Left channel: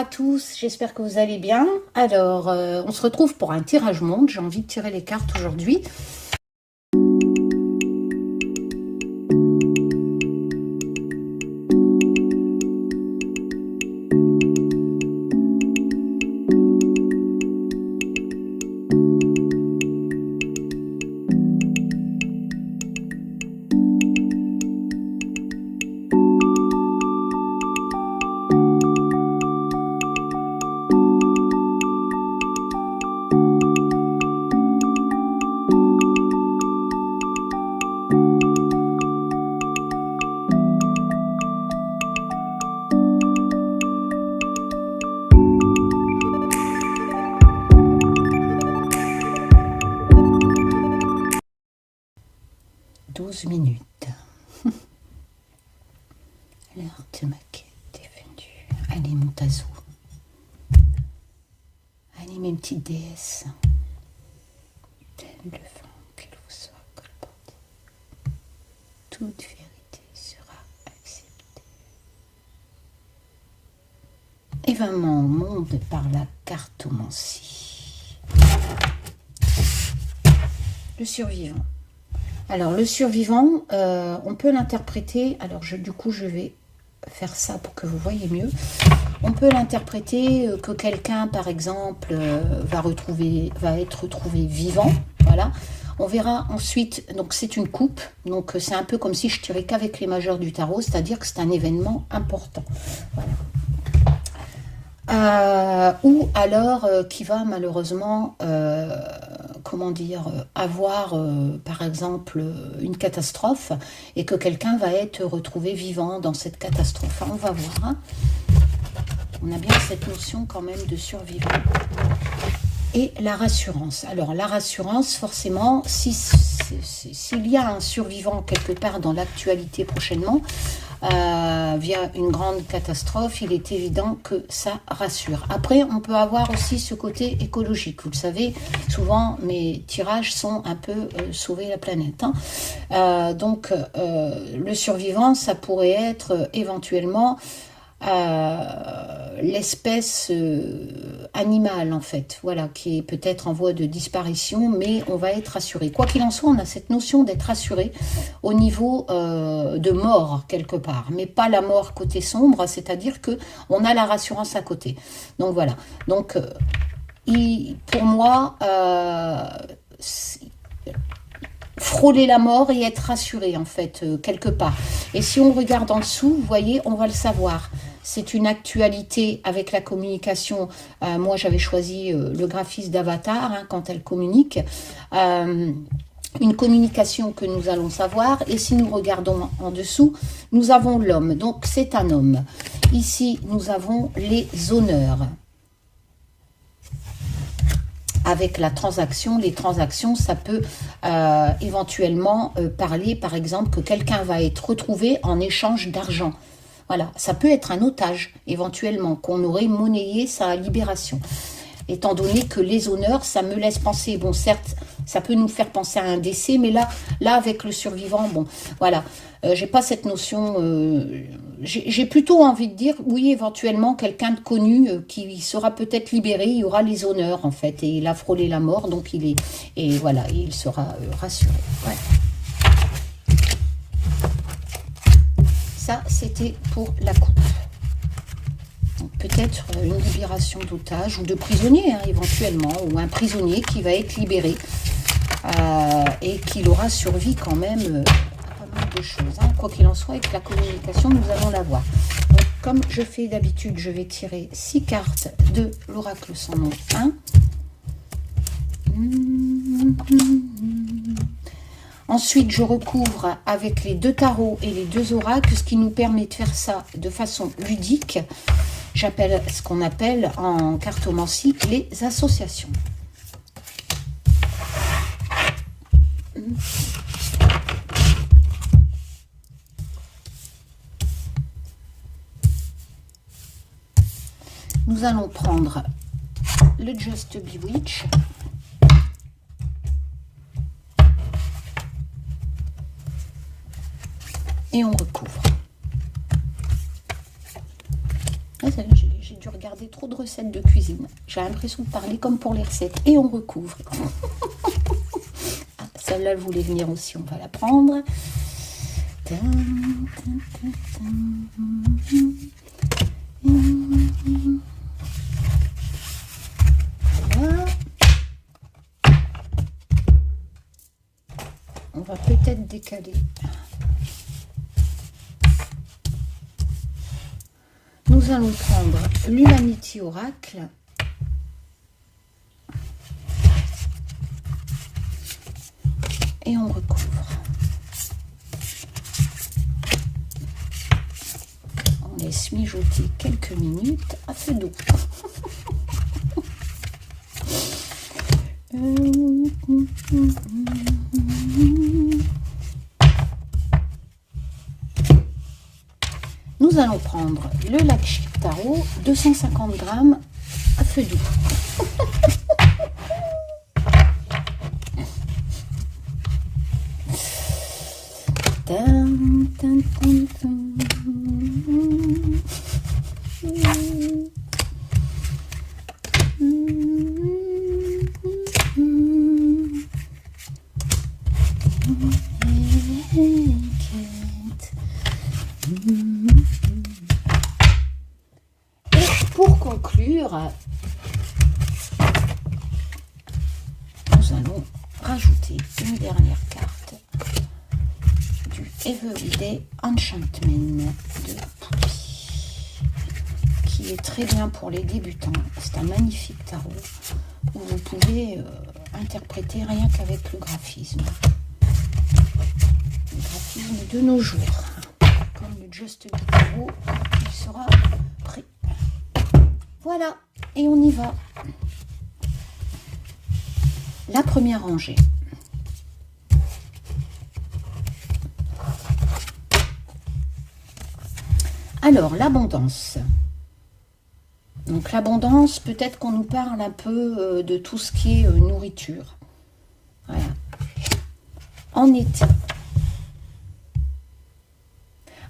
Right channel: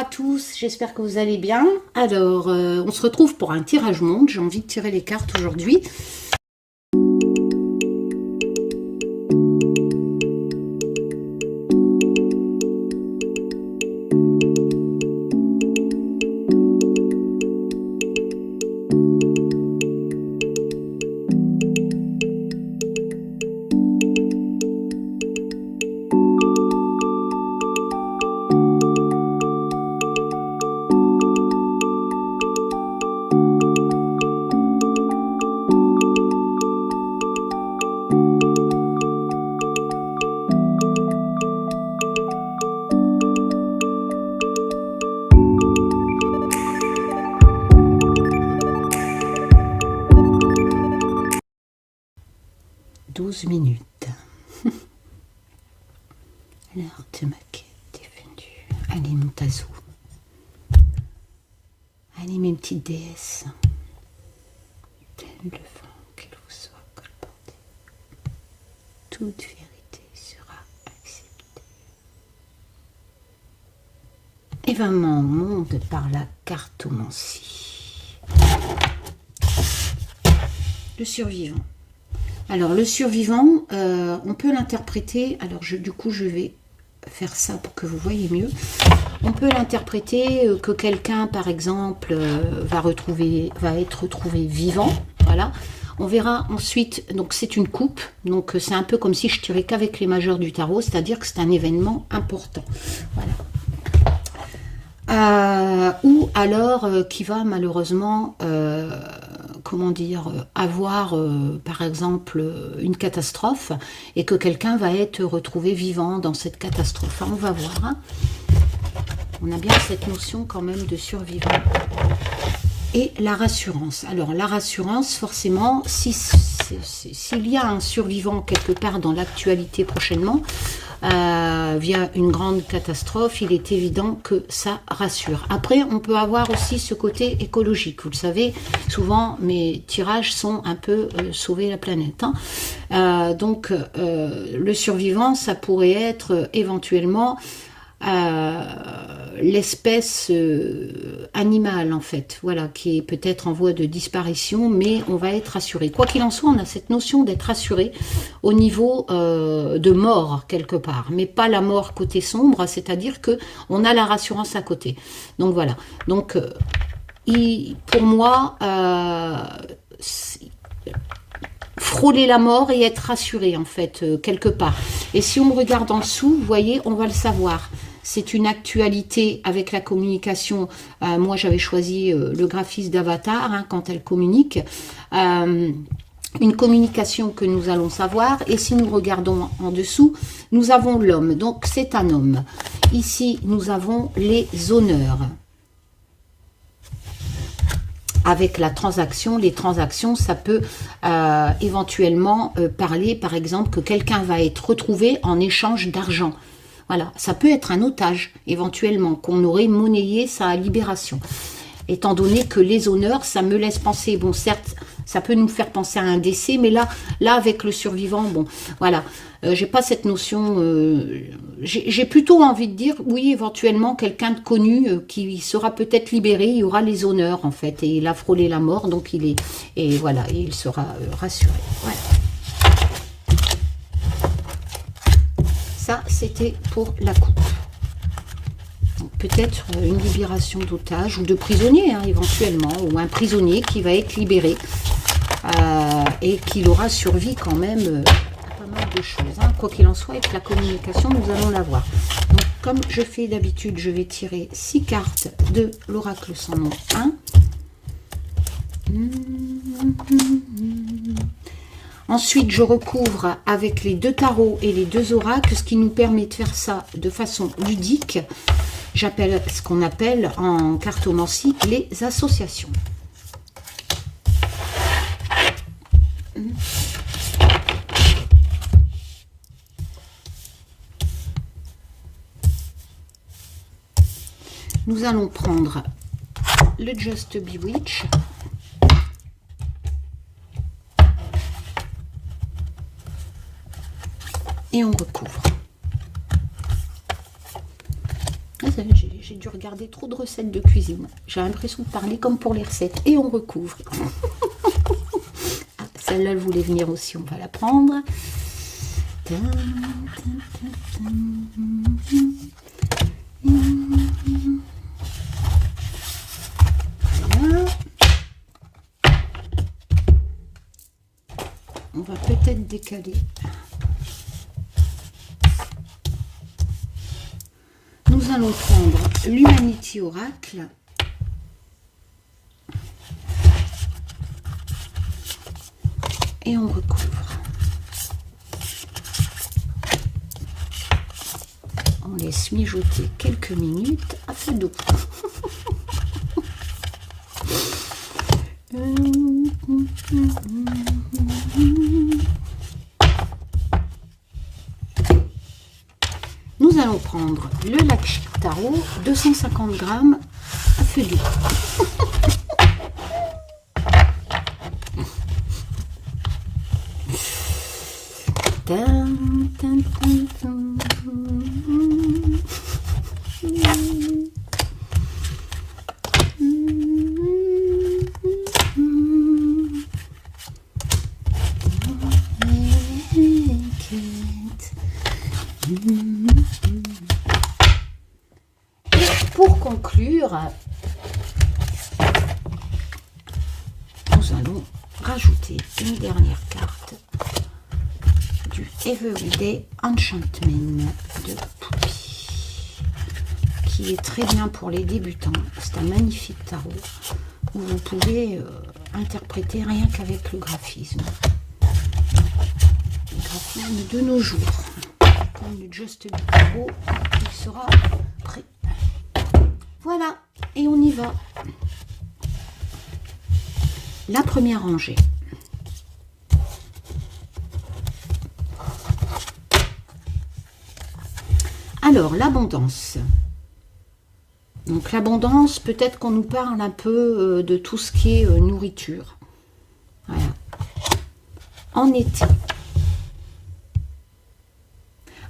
à tous, j'espère que vous allez bien. Alors, on se retrouve pour un tirage monde. J'ai envie de tirer les cartes aujourd'hui. Minutes. L'heure de ma quête est venue. Allez, mon tazou. Allez, mes petites déesses. Tel le vent qu'il vous soit colporté. Toute vérité sera acceptée. Événement au monde par la cartomancie. Le survivant. Alors, le survivant, on peut l'interpréter, alors du coup, je vais faire ça pour que vous voyez mieux. On peut l'interpréter que quelqu'un, par exemple, va être retrouvé vivant, voilà. On verra ensuite, donc c'est une coupe, donc c'est un peu comme si je tirais qu'avec les majeurs du tarot, c'est-à-dire que c'est un événement important, voilà. Ou alors qui va malheureusement... comment dire, avoir par exemple une catastrophe et que quelqu'un va être retrouvé vivant dans cette catastrophe. On va voir. Hein. On a bien cette notion quand même de survivant. Et la rassurance. Alors la rassurance, forcément, s'il y a un survivant quelque part dans l'actualité prochainement, via une grande catastrophe, il est évident que ça rassure. Après, on peut avoir aussi ce côté écologique. Vous le savez, souvent mes tirages sont un peu sauver la planète. Hein. Donc, le survivant, ça pourrait être éventuellement l'espèce animale en fait, voilà, qui est peut-être en voie de disparition, mais on va être rassuré. Quoi qu'il en soit, on a cette notion d'être rassuré au niveau de mort quelque part, mais pas la mort côté sombre, c'est-à-dire que on a la rassurance à côté. Donc voilà. Donc pour moi, frôler la mort et être rassuré en fait quelque part. Et si on regarde en dessous, vous voyez, on va le savoir. C'est une actualité avec la communication. Moi, j'avais choisi le graphiste d'Avatar hein, quand elle communique. Une communication que nous allons savoir. Et si nous regardons en dessous, nous avons l'homme. Donc, c'est un homme. Ici, nous avons les honneurs. Avec la transaction, les transactions, ça peut éventuellement parler, par exemple, que quelqu'un va être retrouvé en échange d'argent. Voilà, ça peut être un otage, éventuellement, qu'on aurait monnayé sa libération. Étant donné que les honneurs, ça me laisse penser, bon, certes, ça peut nous faire penser à un décès, mais là avec le survivant, bon, voilà, j'ai pas cette notion, j'ai plutôt envie de dire, oui, éventuellement, quelqu'un de connu qui sera peut-être libéré, il y aura les honneurs, en fait, et il a frôlé la mort, donc il est, et voilà, il sera rassuré, voilà. Ça, c'était pour la coupe. Peut-être une libération d'otages ou de prisonniers, hein, éventuellement, ou un prisonnier qui va être libéré et qui aura survécu quand même à pas mal de choses. Hein. Quoi qu'il en soit, avec la communication, nous allons la voir. Donc, comme je fais d'habitude, je vais tirer 6 cartes de l'oracle sans nom 1. Ensuite, je recouvre avec les 2 tarots et les 2 oracles, ce qui nous permet de faire ça de façon ludique. J'appelle ce qu'on appelle en cartomancie les associations. Nous allons prendre le Just Bewitch. Et on recouvre. J'ai dû regardé trop de recettes de cuisine. J'ai l'impression de parler comme pour les recettes. Et on recouvre. Ah, celle-là, elle voulait venir aussi, on va la prendre. Voilà. On va peut-être décaler. Nous allons prendre l'Humanity Oracle. Et on recouvre. On laisse mijoter quelques minutes à feu doux. Nous allons prendre le Lakshmi Tarot, 250 grammes à feu doux. Pour conclure, nous allons rajouter une dernière carte du Everyday Enchantment de Poupie, qui est très bien pour les débutants. C'est un magnifique tarot où vous pouvez interpréter rien qu'avec le graphisme. Le graphisme de nos jours. Comme le Just Be Tarot, il sera prêt. Voilà, et on y va. La première rangée. Alors, l'abondance. Donc, l'abondance, peut-être qu'on nous parle un peu de tout ce qui est nourriture. Voilà. En été.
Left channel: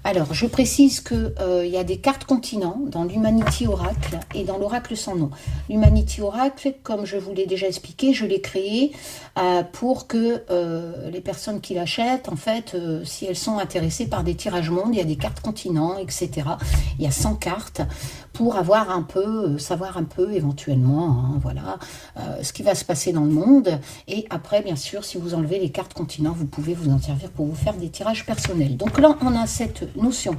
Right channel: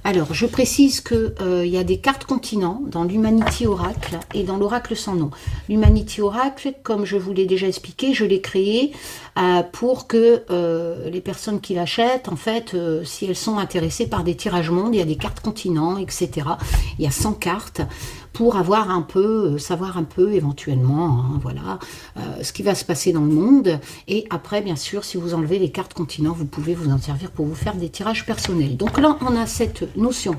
Alors, je précise qu'il y a des cartes continents dans l'Humanity Oracle et dans l'Oracle sans nom. L'Humanity Oracle, comme je vous l'ai déjà expliqué, je l'ai créé pour que les personnes qui l'achètent, en fait, si elles sont intéressées par des tirages mondes, il y a des cartes continents, etc. Il y a 100 cartes pour avoir un peu, savoir un peu éventuellement, hein, voilà, ce qui va se passer dans le monde. Et après, bien sûr, si vous enlevez les cartes continents, vous pouvez vous en servir pour vous faire des tirages personnels. Donc là, on a cette notion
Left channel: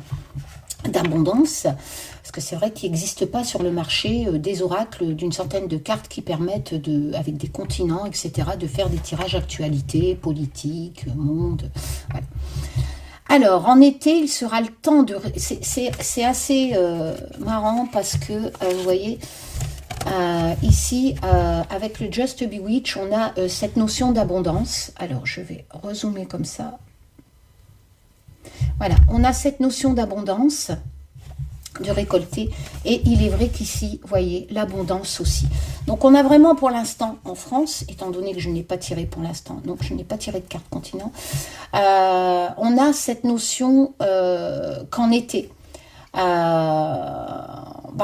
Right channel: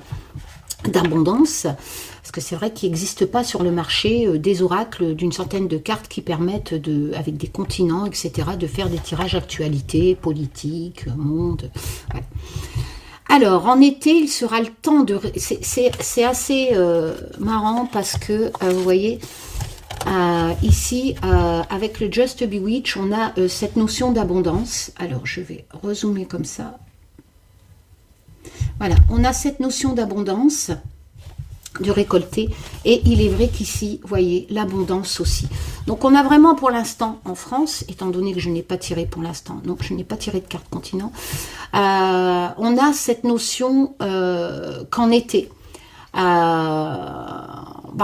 d'abondance, parce que c'est vrai qu'il n'existe pas sur le marché des oracles d'une centaine de cartes qui permettent, avec des continents, etc., de faire des tirages actualité, politique, monde, voilà. Alors, en été, il sera le temps de... C'est assez marrant parce que, vous voyez, ici, avec le Just Bewitch, on a cette notion d'abondance. Alors, je vais rezoomer comme ça. Voilà, on a cette notion d'abondance, de récolter, et il est vrai qu'ici, vous voyez, l'abondance aussi. Donc on a vraiment pour l'instant en France, étant donné que je n'ai pas tiré pour l'instant, donc je n'ai pas tiré de carte continent, on a cette notion qu'en été,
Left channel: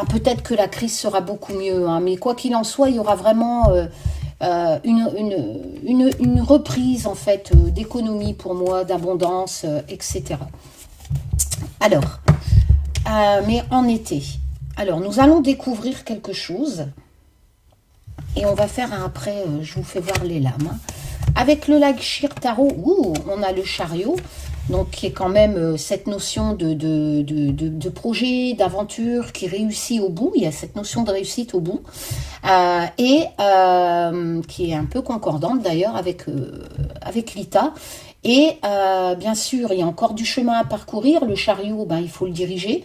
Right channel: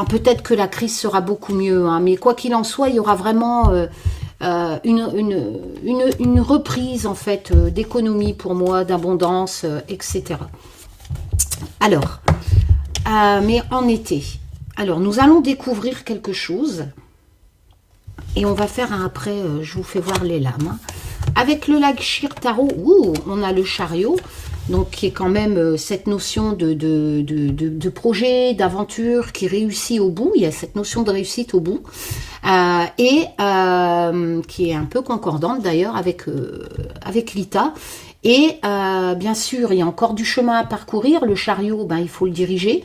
peut-être que la crise sera beaucoup mieux, hein, mais quoi qu'il en soit, il y aura vraiment une reprise en fait d'économie pour moi, d'abondance, etc. Alors, mais en été, alors nous allons découvrir quelque chose et on va faire un après, je vous fais voir les lames. Avec le Lakshmi Tarot, on a le chariot, donc qui est quand même cette notion de projet, d'aventure qui réussit au bout. Il y a cette notion de réussite au bout et qui est un peu concordante d'ailleurs avec l'ITA. Et bien sûr, il y a encore du chemin à parcourir. Le chariot, il faut le diriger.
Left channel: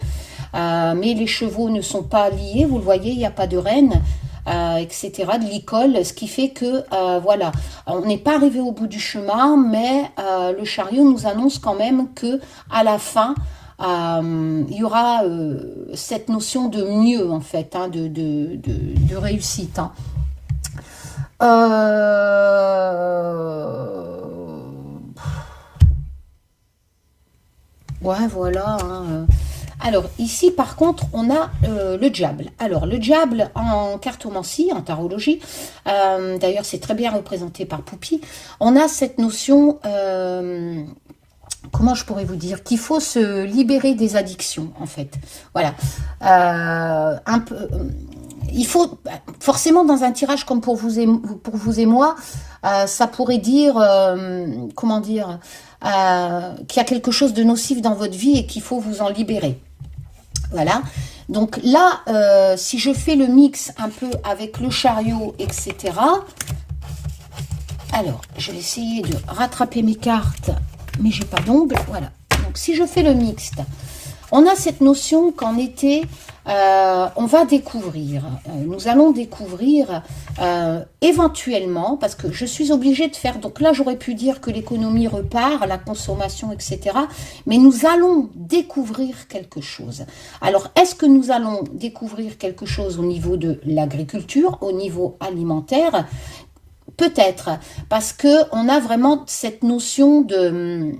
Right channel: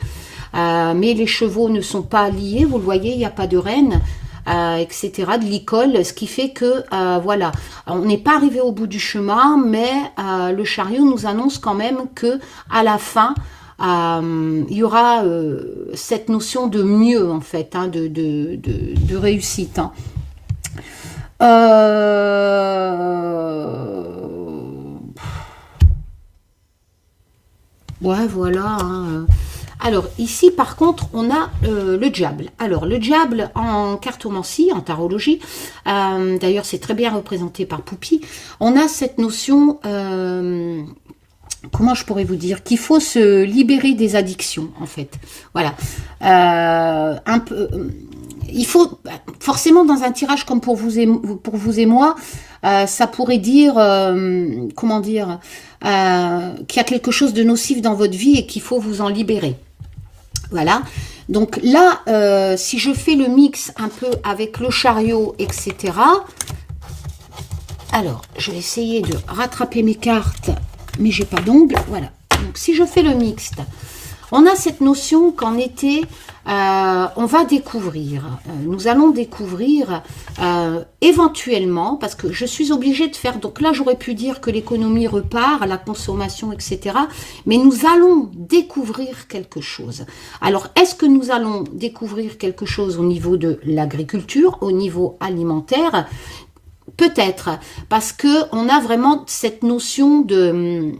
Mais les chevaux ne sont pas liés. Vous le voyez, il n'y a pas de renne, etc. de l'école. Ce qui fait que, voilà, on n'est pas arrivé au bout du chemin. Mais le chariot nous annonce quand même que à la fin, il y aura cette notion de mieux, en fait, hein, de réussite. Hein. Ouais, voilà. Hein. Alors ici par contre on a le diable. Alors le diable en cartomancie, en tarologie, d'ailleurs c'est très bien représenté par Poupie, on a cette notion, comment je pourrais vous dire, qu'il faut se libérer des addictions en fait. Voilà. Un peu, il faut forcément dans un tirage comme pour vous et moi, ça pourrait dire, comment dire, qu'il y a quelque chose de nocif dans votre vie et qu'il faut vous en libérer. Voilà, donc là, si je fais le mix un peu avec le chariot, etc. Alors, je vais essayer de rattraper mes cartes, mais j'ai pas d'ongles. Voilà, donc si je fais le mixte, on a cette notion qu'en été, on va découvrir, nous allons découvrir éventuellement, parce que je suis obligée de faire, donc là j'aurais pu dire que l'économie repart, la consommation, etc. Mais nous allons découvrir quelque chose. Alors, est-ce que nous allons découvrir quelque chose au niveau de l'agriculture, au niveau alimentaire? Peut-être, parce que on a vraiment cette notion de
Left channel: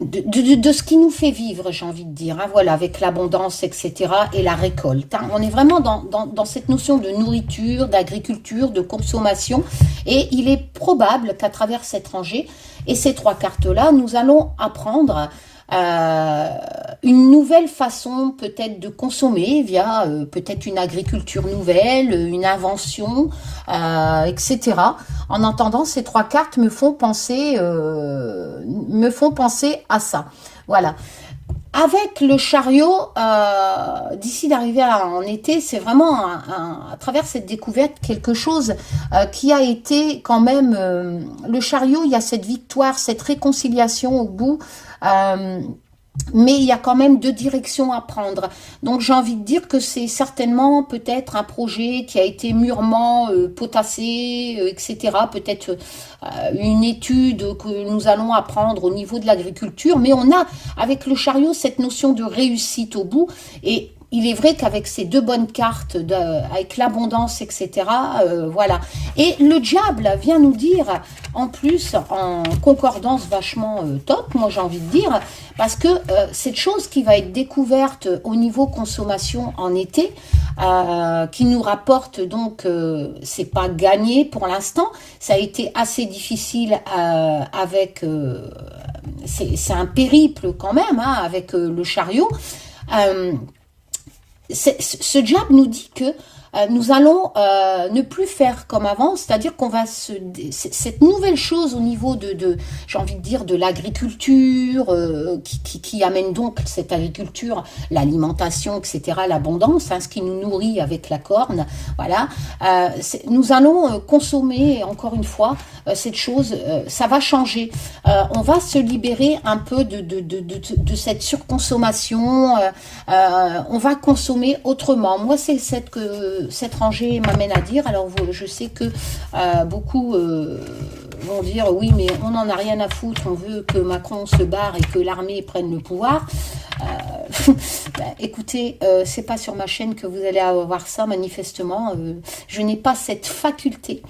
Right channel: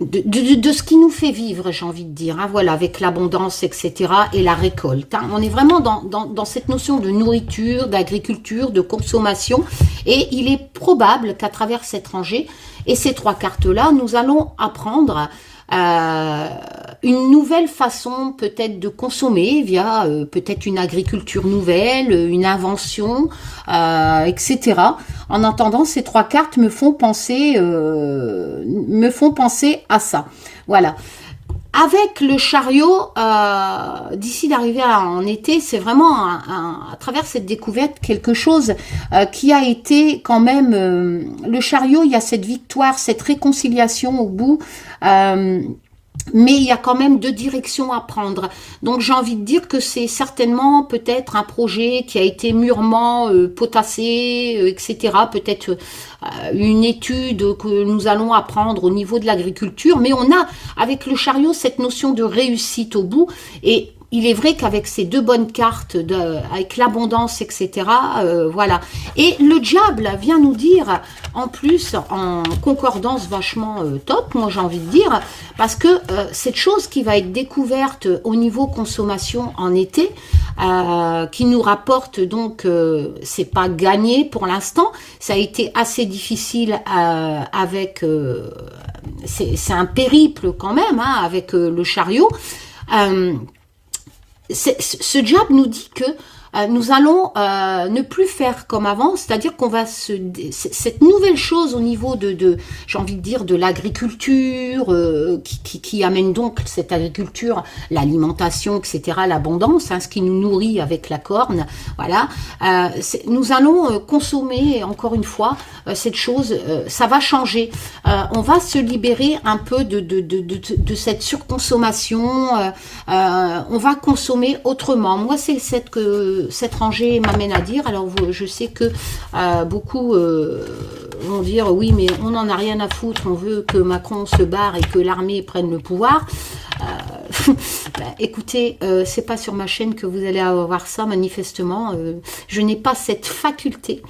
ce qui nous fait vivre, j'ai envie de dire, hein, voilà, avec l'abondance, etc., et la récolte. Hein. On est vraiment dans cette notion de nourriture, d'agriculture, de consommation, et il est probable qu'à travers cette rangée, et ces trois cartes-là, nous allons apprendre une nouvelle façon peut-être de consommer via peut-être une agriculture nouvelle, une invention, etc. En entendant ces trois cartes me font penser à ça. Voilà. Avec le chariot, d'ici d'arriver en été, c'est vraiment à travers cette découverte quelque chose qui a été quand même... le chariot, il y a cette victoire, cette réconciliation au bout, mais il y a quand même deux directions à prendre. Donc j'ai envie de dire que c'est certainement peut-être un projet qui a été mûrement potassé, etc. Peut-être une étude que nous allons apprendre au niveau de l'agriculture, mais on a avec le chariot cette notion de réussite au bout, et il est vrai qu'avec ces deux bonnes cartes, avec l'abondance, etc., voilà. Et le diable vient nous dire, en plus, en concordance vachement top, moi j'ai envie de dire, parce que cette chose qui va être découverte au niveau consommation en été, qui nous rapporte donc, c'est pas gagné pour l'instant, ça a été assez difficile avec, c'est un périple quand même, hein, avec le chariot. Ce diable nous dit que nous allons ne plus faire comme avant, c'est-à-dire qu'on va cette nouvelle chose au niveau j'ai envie de dire, de l'agriculture, qui amène donc cette agriculture, l'alimentation, etc., l'abondance, hein, ce qui nous nourrit avec la corne, voilà. Nous allons consommer, encore une fois, cette chose, ça va changer. On va se libérer un peu de cette surconsommation, on va consommer autrement. Moi, c'est cette rangée m'amène à dire, alors je sais que beaucoup vont dire oui mais on n'en a rien à foutre, on veut que Macron se barre et que l'armée prenne le pouvoir. Écoutez, c'est pas sur ma chaîne que vous allez avoir ça manifestement, je n'ai pas cette faculté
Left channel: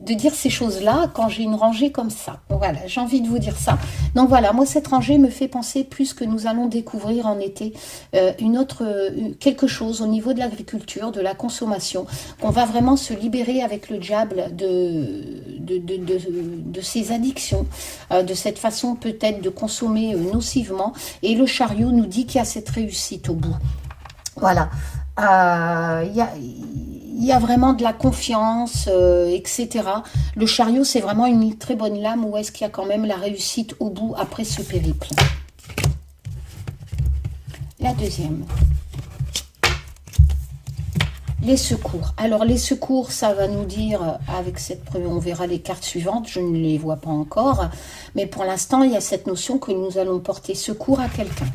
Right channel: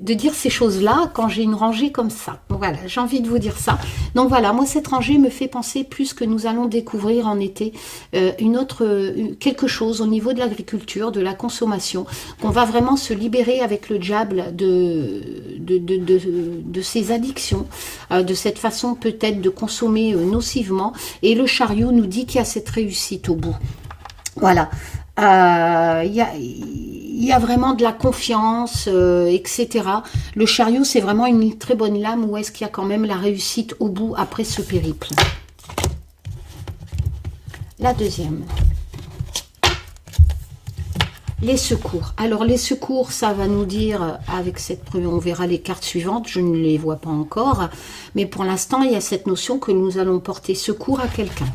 de dire ces choses-là quand j'ai une rangée comme ça. Donc voilà, j'ai envie de vous dire ça. Donc voilà, moi cette rangée me fait penser plus que nous allons découvrir en été quelque chose au niveau de l'agriculture, de la consommation, qu'on va vraiment se libérer avec le diable de ces addictions, de cette façon peut-être de consommer nocivement. Et le chariot nous dit qu'il y a cette réussite au bout. Voilà. Il y a vraiment de la confiance, etc. Le chariot, c'est vraiment une très bonne lame où est-ce qu'il y a quand même la réussite au bout après ce périple. La deuxième. Les secours. Alors les secours, ça va nous dire, avec cette première, on verra les cartes suivantes, je ne les vois pas encore, mais pour l'instant, il y a cette notion que nous allons porter secours à quelqu'un.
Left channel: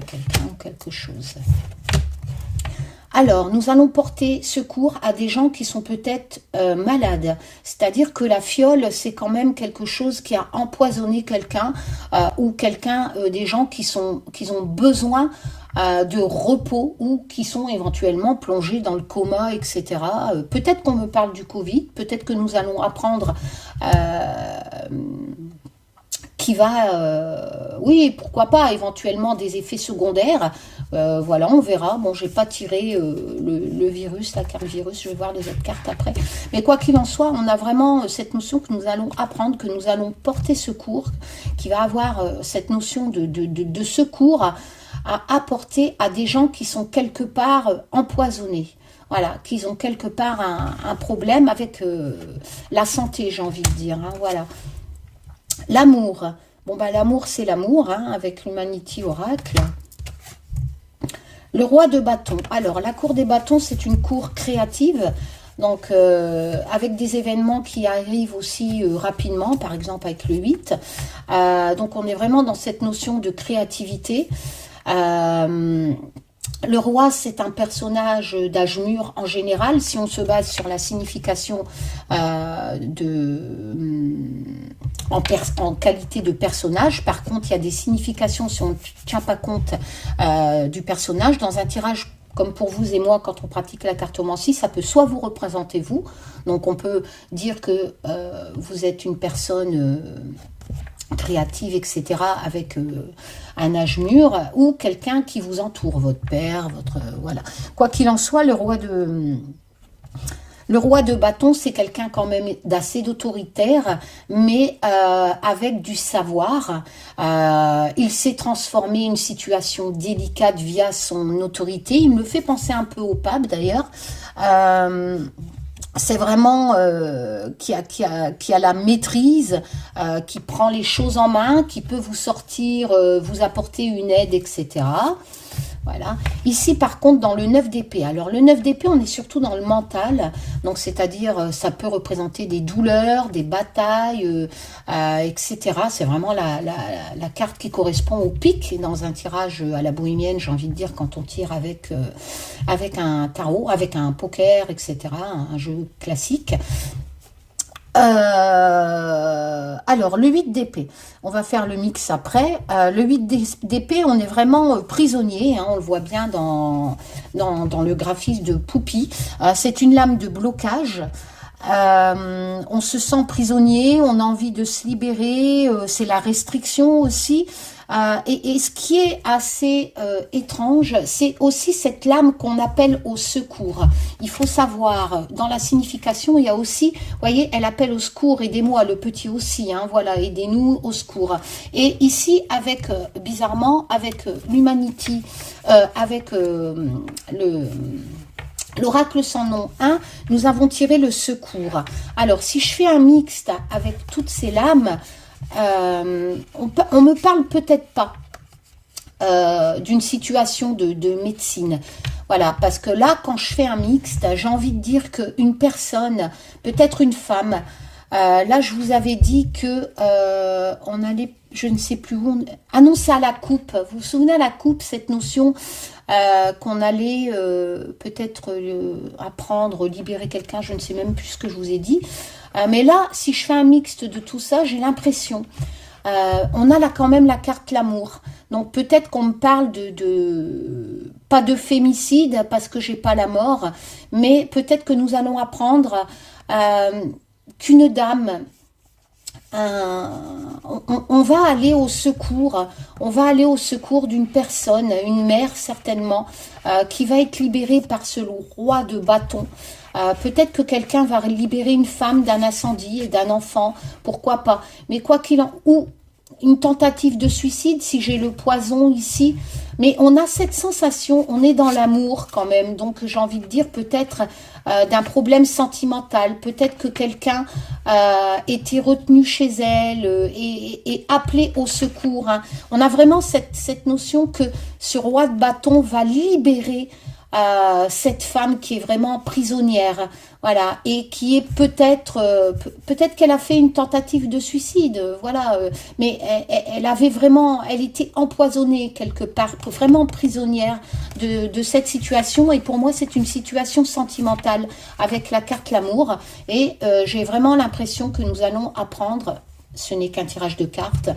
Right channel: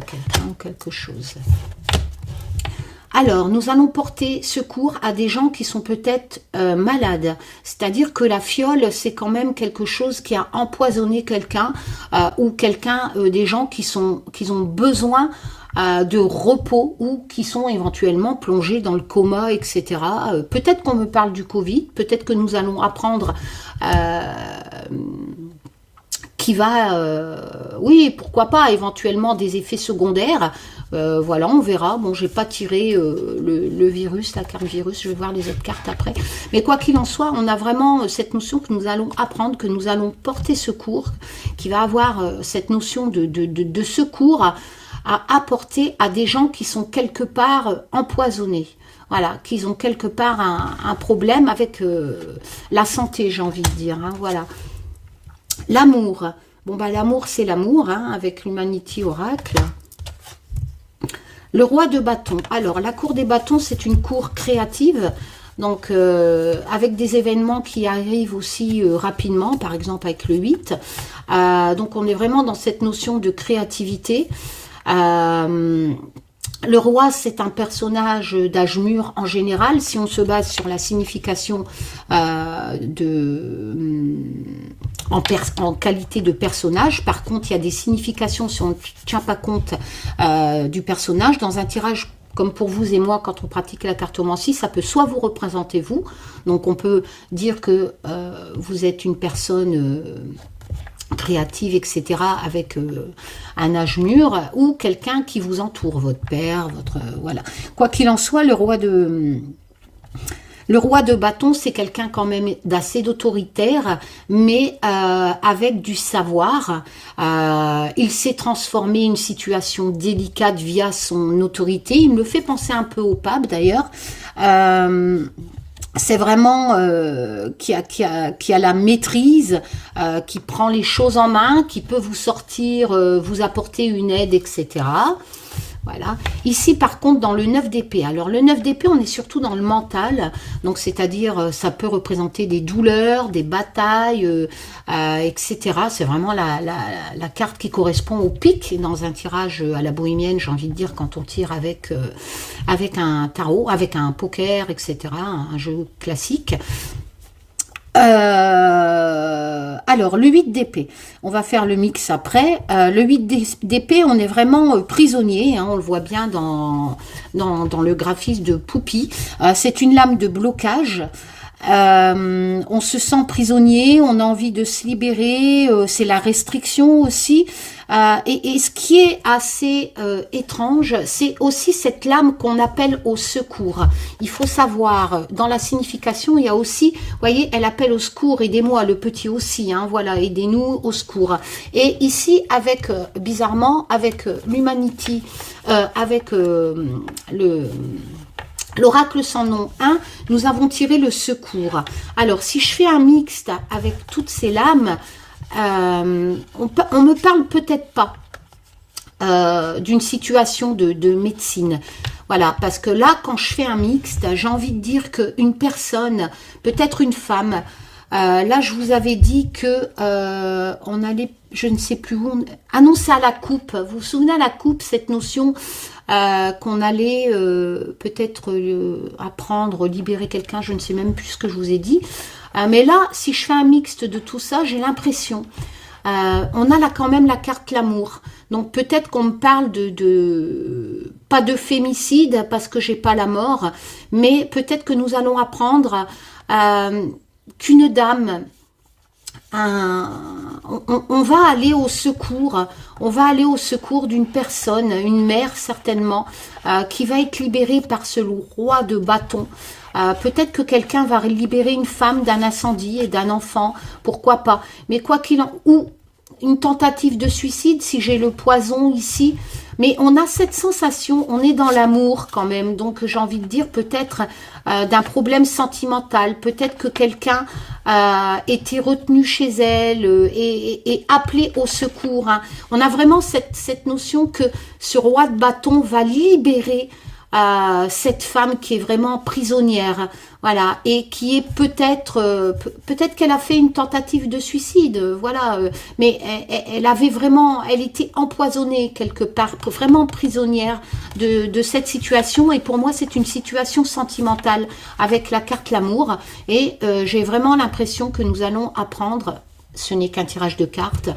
À quelqu'un ou quelque chose. Alors, nous allons porter secours à des gens qui sont peut-être malades. C'est-à-dire que la fiole, c'est quand même quelque chose qui a empoisonné quelqu'un ou quelqu'un, des gens qui ont besoin de repos ou qui sont éventuellement plongés dans le coma, etc. Peut-être qu'on me parle du Covid, peut-être que nous allons apprendre qui va oui, pourquoi pas, éventuellement des effets secondaires. Voilà, on verra. Bon, j'ai pas tiré le virus, la carte virus, je vais voir les autres cartes après. Mais quoi qu'il en soit, on a vraiment cette notion que nous allons apprendre, que nous allons porter secours, qui va avoir cette notion de secours à apporter à des gens qui sont quelque part empoisonnés. Voilà, qu'ils ont quelque part un problème avec la santé, j'ai envie de dire. Hein, voilà. L'amour. Bon, bah, l'amour, c'est l'amour, hein, avec l'Humanity Oracle. Le roi de bâton. Alors, la cour des bâtons, c'est une cour créative. Donc, avec des événements qui arrivent aussi rapidement, par exemple avec le 8. Donc, on est vraiment dans cette notion de créativité. Le roi, c'est un personnage d'âge mûr en général, si on se base sur la signification en qualité de personnage. Par contre, il y a des significations, si on ne tient pas compte du personnage, dans un tirage comme pour vous et moi, quand on pratique la cartomancie, ça peut soit vous représenter vous, donc on peut dire que vous êtes une personne créative, etc., avec un âge mûr, ou quelqu'un qui vous entoure, votre père, votre... voilà. Quoi qu'il en soit, le roi de bâton, c'est quelqu'un quand même d'assez d'autoritaire, mais avec du savoir. Il s'est transformé une situation délicate via son autorité. Il me fait penser un peu au pape, d'ailleurs. C'est vraiment qui a la maîtrise, qui prend les choses en main, qui peut vous sortir, vous apporter une aide, etc. Voilà. Ici, par contre, dans le 9 d'épée. Alors, le 9 d'épée, on est surtout dans le mental. Donc, c'est-à-dire, ça peut représenter des douleurs, des batailles, etc. C'est vraiment la carte qui correspond au pic dans un tirage à la bohémienne, j'ai envie de dire, quand on tire avec un tarot, avec un poker, etc. Un jeu classique. Alors, le 8 d'épée, on va faire le mix après. Le 8 d'épée, on est vraiment prisonnier, hein, on le voit bien dans le graphisme de Poupie. C'est une lame de blocage. On se sent prisonnier, on a envie de se libérer, c'est la restriction aussi. Et ce qui est assez étrange, c'est aussi cette lame qu'on appelle au secours. Il faut savoir, dans la signification, il y a aussi, vous voyez, elle appelle au secours, aidez-moi, le petit aussi, hein, voilà, aidez-nous au secours. Et ici, avec, bizarrement, avec l'Humanity, avec l'oracle sans nom 1, nous avons tiré le secours. Alors, si je fais un mixte avec toutes ces lames, on me parle peut-être pas d'une situation de médecine. Voilà, parce que là, quand je fais un mixte, j'ai envie de dire qu'une personne, peut-être une femme, là, je vous avais dit que on allait, je ne sais plus où, annoncer à la coupe. Vous vous souvenez à la coupe, cette notion qu'on allait peut-être apprendre, libérer quelqu'un, je ne sais même plus ce que je vous ai dit. Mais là, si je fais un mixte de tout ça, j'ai l'impression, on a là quand même la carte l'amour. Donc peut-être qu'on me parle pas de fémicide parce que j'ai pas la mort, mais peut-être que nous allons apprendre qu'une dame, on va aller au secours, d'une personne, une mère certainement, qui va être libérée par ce roi de bâton. Peut-être que quelqu'un va libérer une femme d'un incendie et d'un enfant, pourquoi pas. Mais quoi qu'il en... Ou une tentative de suicide, si j'ai le poison ici. Mais on a cette sensation, on est dans l'amour quand même. Donc j'ai envie de dire peut-être d'un problème sentimental. Peut-être que quelqu'un était retenu chez elle et appelé au secours. Hein. On a vraiment cette notion que ce roi de bâton va libérer cette femme qui est vraiment prisonnière, voilà, et qui est peut-être qu'elle a fait une tentative de suicide, voilà, mais elle avait vraiment, elle était empoisonnée quelque part, vraiment prisonnière de cette situation, et pour moi c'est une situation sentimentale avec la carte l'amour, et j'ai vraiment l'impression que nous allons apprendre, ce n'est qu'un tirage de cartes,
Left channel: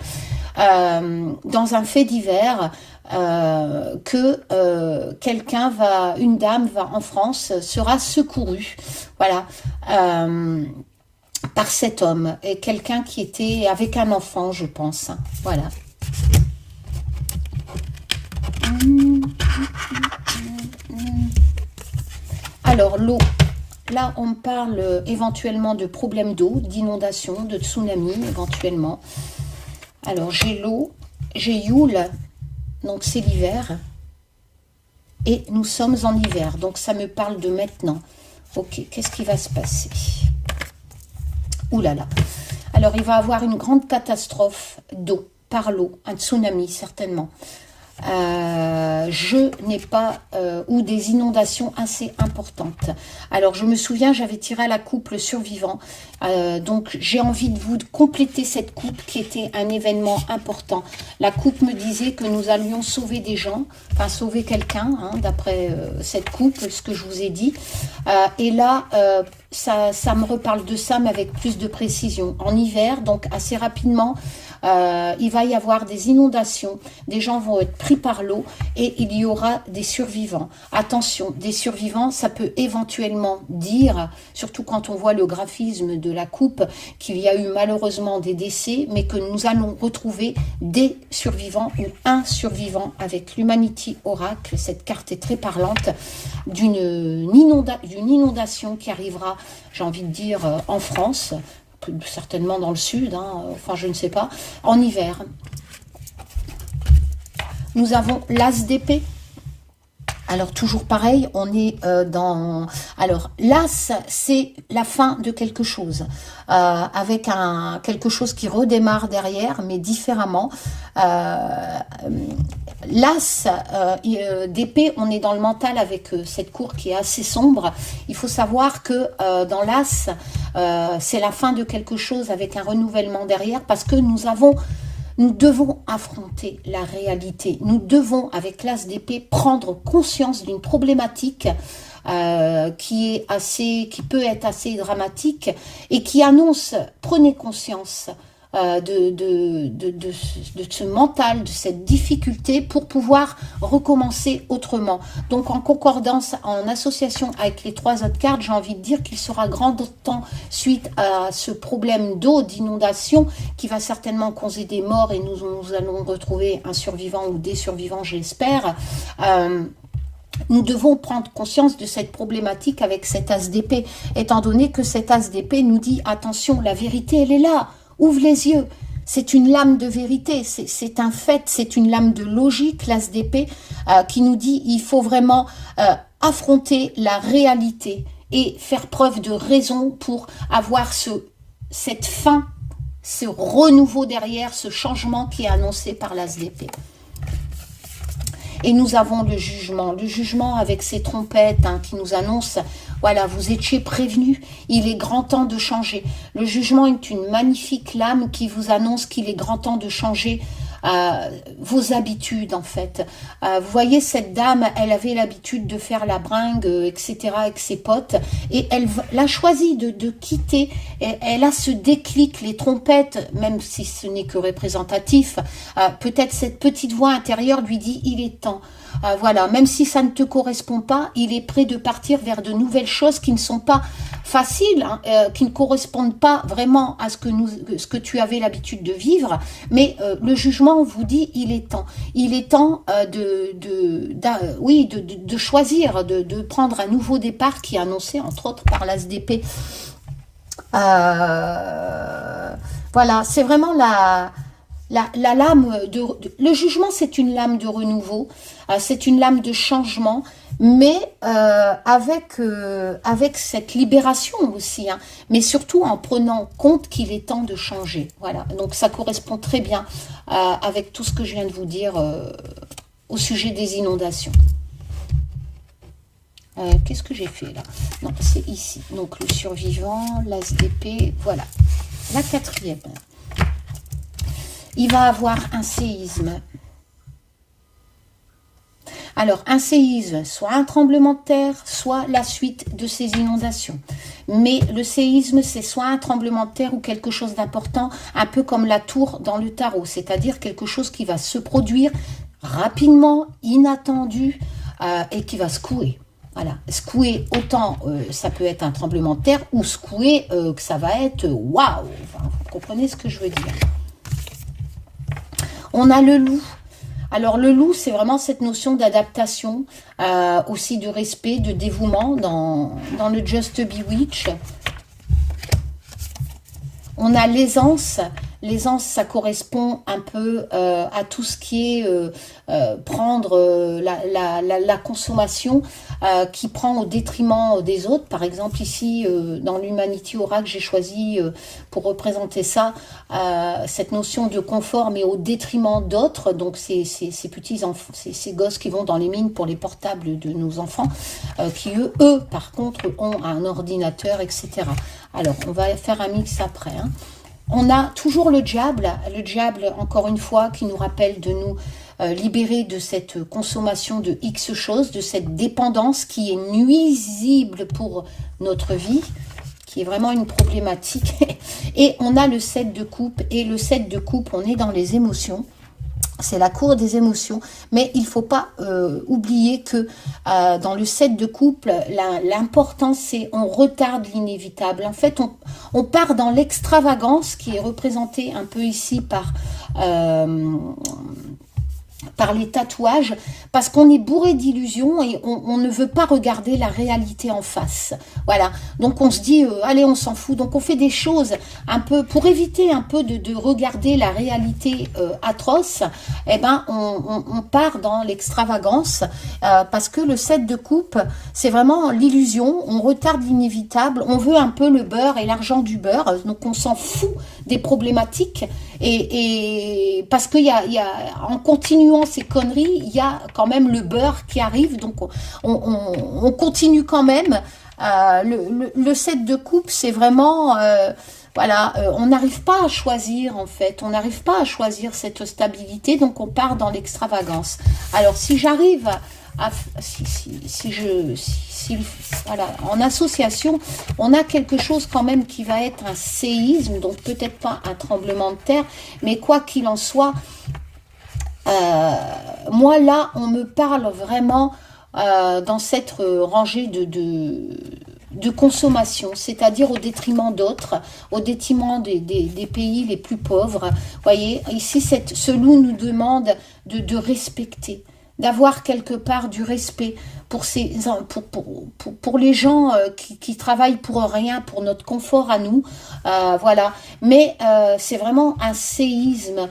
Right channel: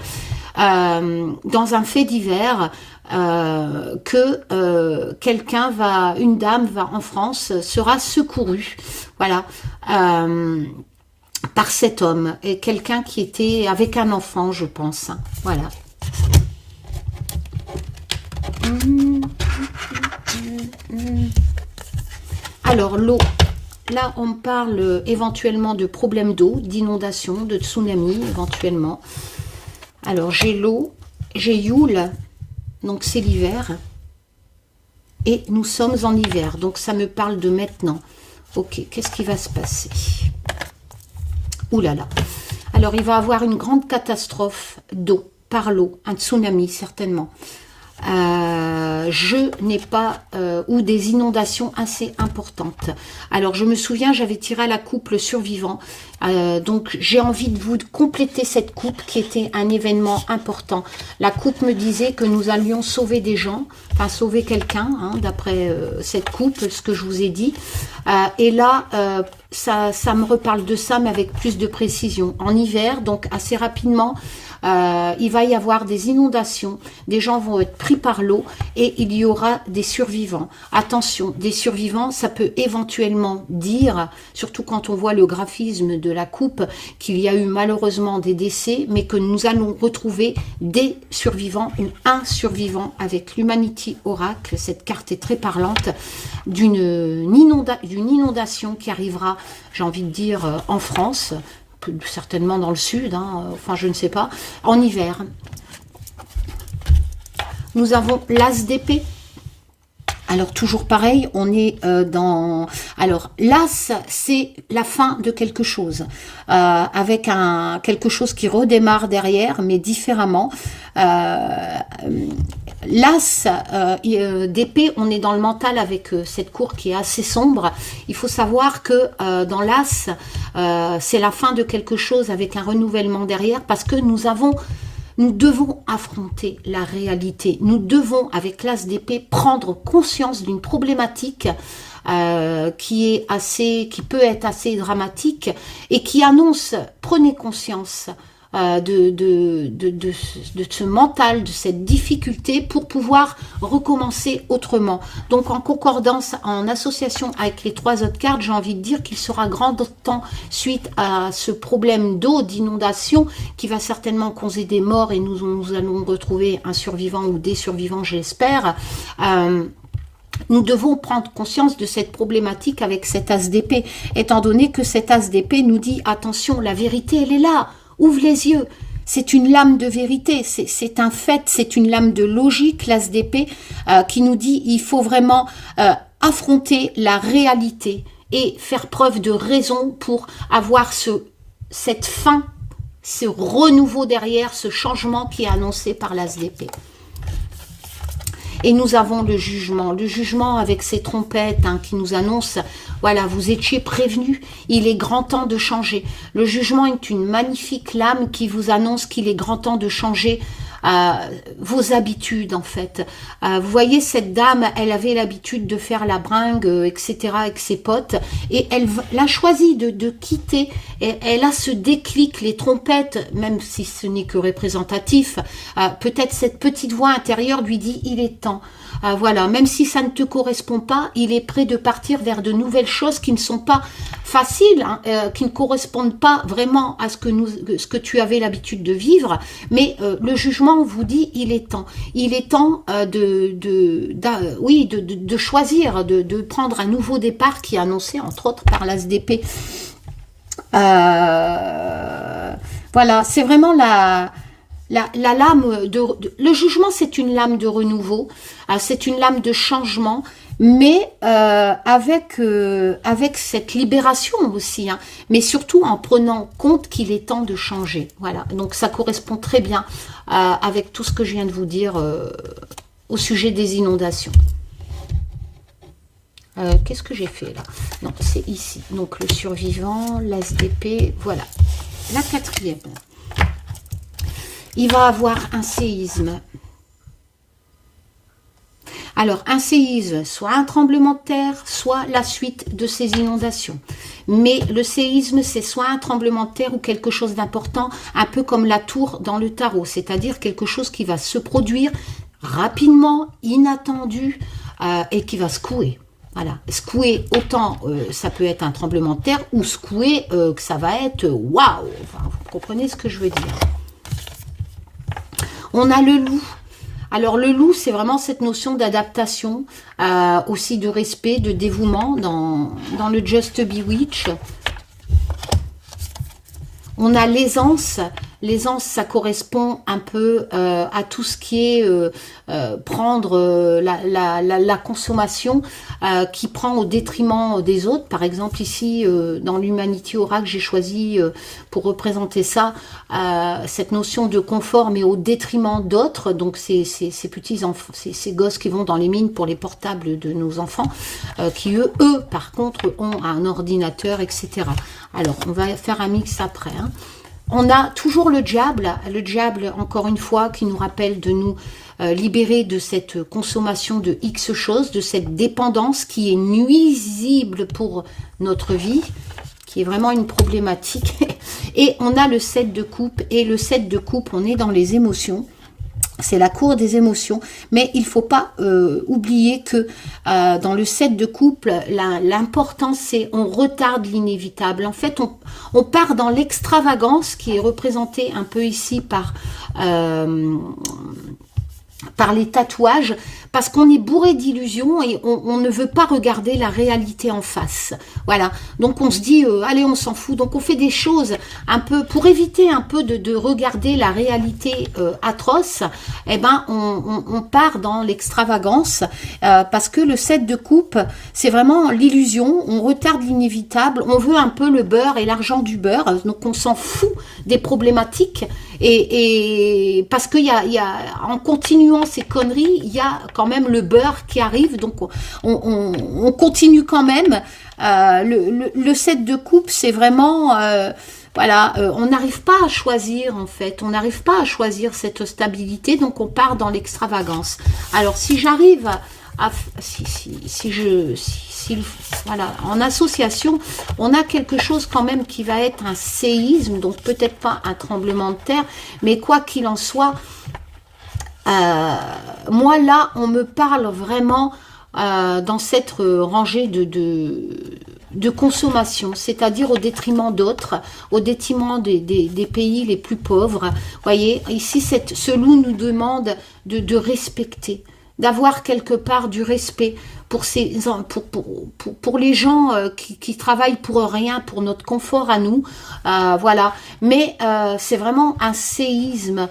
dans un fait divers, que quelqu'un une dame en France, sera secourue, voilà, par cet homme, et quelqu'un qui était avec un enfant, je pense, voilà. Alors, l'eau. Là, on parle éventuellement de problèmes d'eau, d'inondation, de tsunami, éventuellement. Alors, j'ai l'eau, j'ai Yule, donc c'est l'hiver. Et nous sommes en hiver, donc ça me parle de maintenant. Ok, qu'est-ce qui va se passer? Ouh là là. Alors, il va y avoir une grande catastrophe d'eau, par l'eau, un tsunami certainement. Je n'ai pas ou des inondations assez importantes. Alors je me souviens, j'avais tiré à la coupe le survivant, donc j'ai envie de vous compléter cette coupe qui était un événement important. La coupe me disait que nous allions sauver des gens, enfin sauver quelqu'un, hein, d'après cette coupe, ce que je vous ai dit, et là ça me reparle de ça, mais avec plus de précision. En hiver, donc assez rapidement, il va y avoir des inondations, des gens vont être pris par l'eau et il y aura des survivants. Attention, des survivants, ça peut éventuellement dire, surtout quand on voit le graphisme de la coupe, qu'il y a eu malheureusement des décès, mais que nous allons retrouver des survivants ou un survivant avec l'Humanity Oracle. Cette carte est très parlante d'une inondation qui arrivera, j'ai envie de dire, en France, certainement dans le sud, hein, enfin je ne sais pas, en hiver. Nous avons l'As d'épée. Alors toujours pareil, on est dans... Alors l'As, c'est la fin de quelque chose, avec quelque chose qui redémarre derrière, mais différemment. L'As d'épée, on est dans le mental avec cette cour qui est assez sombre. Il faut savoir que dans l'As, c'est la fin de quelque chose avec un renouvellement derrière, parce que nous devons affronter la réalité. Nous devons, avec l'As d'épée, prendre conscience d'une problématique qui peut être assez dramatique et qui annonce, prenez conscience de ce mental, de cette difficulté pour pouvoir recommencer autrement. Donc en concordance, en association avec les trois autres cartes, j'ai envie de dire qu'il sera grand temps suite à ce problème d'eau, d'inondation, qui va certainement causer des morts et nous allons retrouver un survivant ou des survivants, j'espère. Nous devons prendre conscience de cette problématique avec cet As d'épée, étant donné que cet As d'épée nous dit, attention, la vérité, elle est là. Ouvre les yeux, c'est une lame de vérité, c'est un fait, c'est une lame de logique, l'As d'épée, qui nous dit il faut vraiment affronter la réalité et faire preuve de raison pour avoir cette fin, ce renouveau derrière, ce changement qui est annoncé par l'As d'épée. Et nous avons le jugement avec ces trompettes qui nous annoncent, voilà, vous étiez prévenus, il est grand temps de changer. Le jugement est une magnifique lame qui vous annonce qu'il est grand temps de changer vos habitudes en fait. Vous voyez, cette dame, elle avait l'habitude de faire la bringue, etc. avec ses potes, et elle a choisi de quitter. Elle a ce déclic, les trompettes, même si ce n'est que représentatif, peut-être cette petite voix intérieure lui dit, il est temps. Voilà, même si ça ne te correspond pas, il est prêt de partir vers de nouvelles choses qui ne sont pas faciles, qui ne correspondent pas vraiment à ce que tu avais l'habitude de vivre, mais le jugement vous dit il est temps. Il est temps de choisir, de prendre un nouveau départ qui est annoncé entre autres par l'As d'épée. Voilà, c'est vraiment la lame le jugement, c'est une lame de renouveau, c'est une lame de changement, mais avec cette libération aussi, mais surtout en prenant compte qu'il est temps de changer. Voilà, donc ça correspond très bien avec tout ce que je viens de vous dire au sujet des inondations. Qu'est-ce que j'ai fait là? Non, c'est ici. Donc le survivant, l'As d'épée, voilà. La quatrième. Il va avoir un séisme. Alors, un séisme, soit un tremblement de terre, soit la suite de ces inondations. Mais le séisme, c'est soit un tremblement de terre ou quelque chose d'important, un peu comme la tour dans le tarot, c'est-à-dire quelque chose qui va se produire rapidement, inattendu, et qui va secouer. Voilà, secouer autant, ça peut être un tremblement de terre, ou secouer, que ça va être waouh. Enfin, vous comprenez ce que je veux dire. On a le loup. Alors le loup, c'est vraiment cette notion d'adaptation, aussi de respect, de dévouement dans le Just Bewitch. On a l'aisance. L'aisance, ça correspond un peu à tout ce qui est prendre la consommation qui prend au détriment des autres. Par exemple, ici, dans l'Humanity Oracle, j'ai choisi pour représenter ça, cette notion de confort, mais au détriment d'autres. Donc, ces petits enfants, ces gosses qui vont dans les mines pour les portables de nos enfants, qui eux, par contre, ont un ordinateur, etc. Alors, on va faire un mix après, hein. On a toujours le diable, encore une fois, qui nous rappelle de nous libérer de cette consommation de X choses, de cette dépendance qui est nuisible pour notre vie, qui est vraiment une problématique. Et on a le 7 de coupe, et le 7 de coupe, on est dans les émotions. C'est la cour des émotions, mais il ne faut pas oublier que dans le 7 de couple, l'important c'est on retarde l'inévitable. En fait, on part dans l'extravagance qui est représentée un peu ici par les tatouages, parce qu'on est bourré d'illusions et on ne veut pas regarder la réalité en face. Voilà, donc on se dit, allez, on s'en fout. Donc on fait des choses un peu, pour éviter un peu de regarder la réalité atroce, eh ben on part dans l'extravagance, parce que le 7 de coupe, c'est vraiment l'illusion, on retarde l'inévitable, on veut un peu le beurre et l'argent du beurre, donc on s'en fout des problématiques, et parce qu'il y a, en continuant ces conneries, il y a quand même le beurre qui arrive, donc on continue quand même. Le 7 de coupe, c'est vraiment, voilà, on n'arrive pas à choisir en fait, on n'arrive pas à choisir cette stabilité, donc on part dans l'extravagance. Alors si j'arrive à, voilà, en association, on a quelque chose quand même qui va être un séisme, donc peut-être pas un tremblement de terre, mais quoi qu'il en soit, moi là on me parle vraiment dans cette rangée de consommation, c'est-à-dire au détriment d'autres, au détriment des pays les plus pauvres. Vous voyez, ici ce loup nous demande de respecter, d'avoir quelque part du respect pour les gens qui travaillent pour rien, pour notre confort à nous, voilà. Mais c'est vraiment un séisme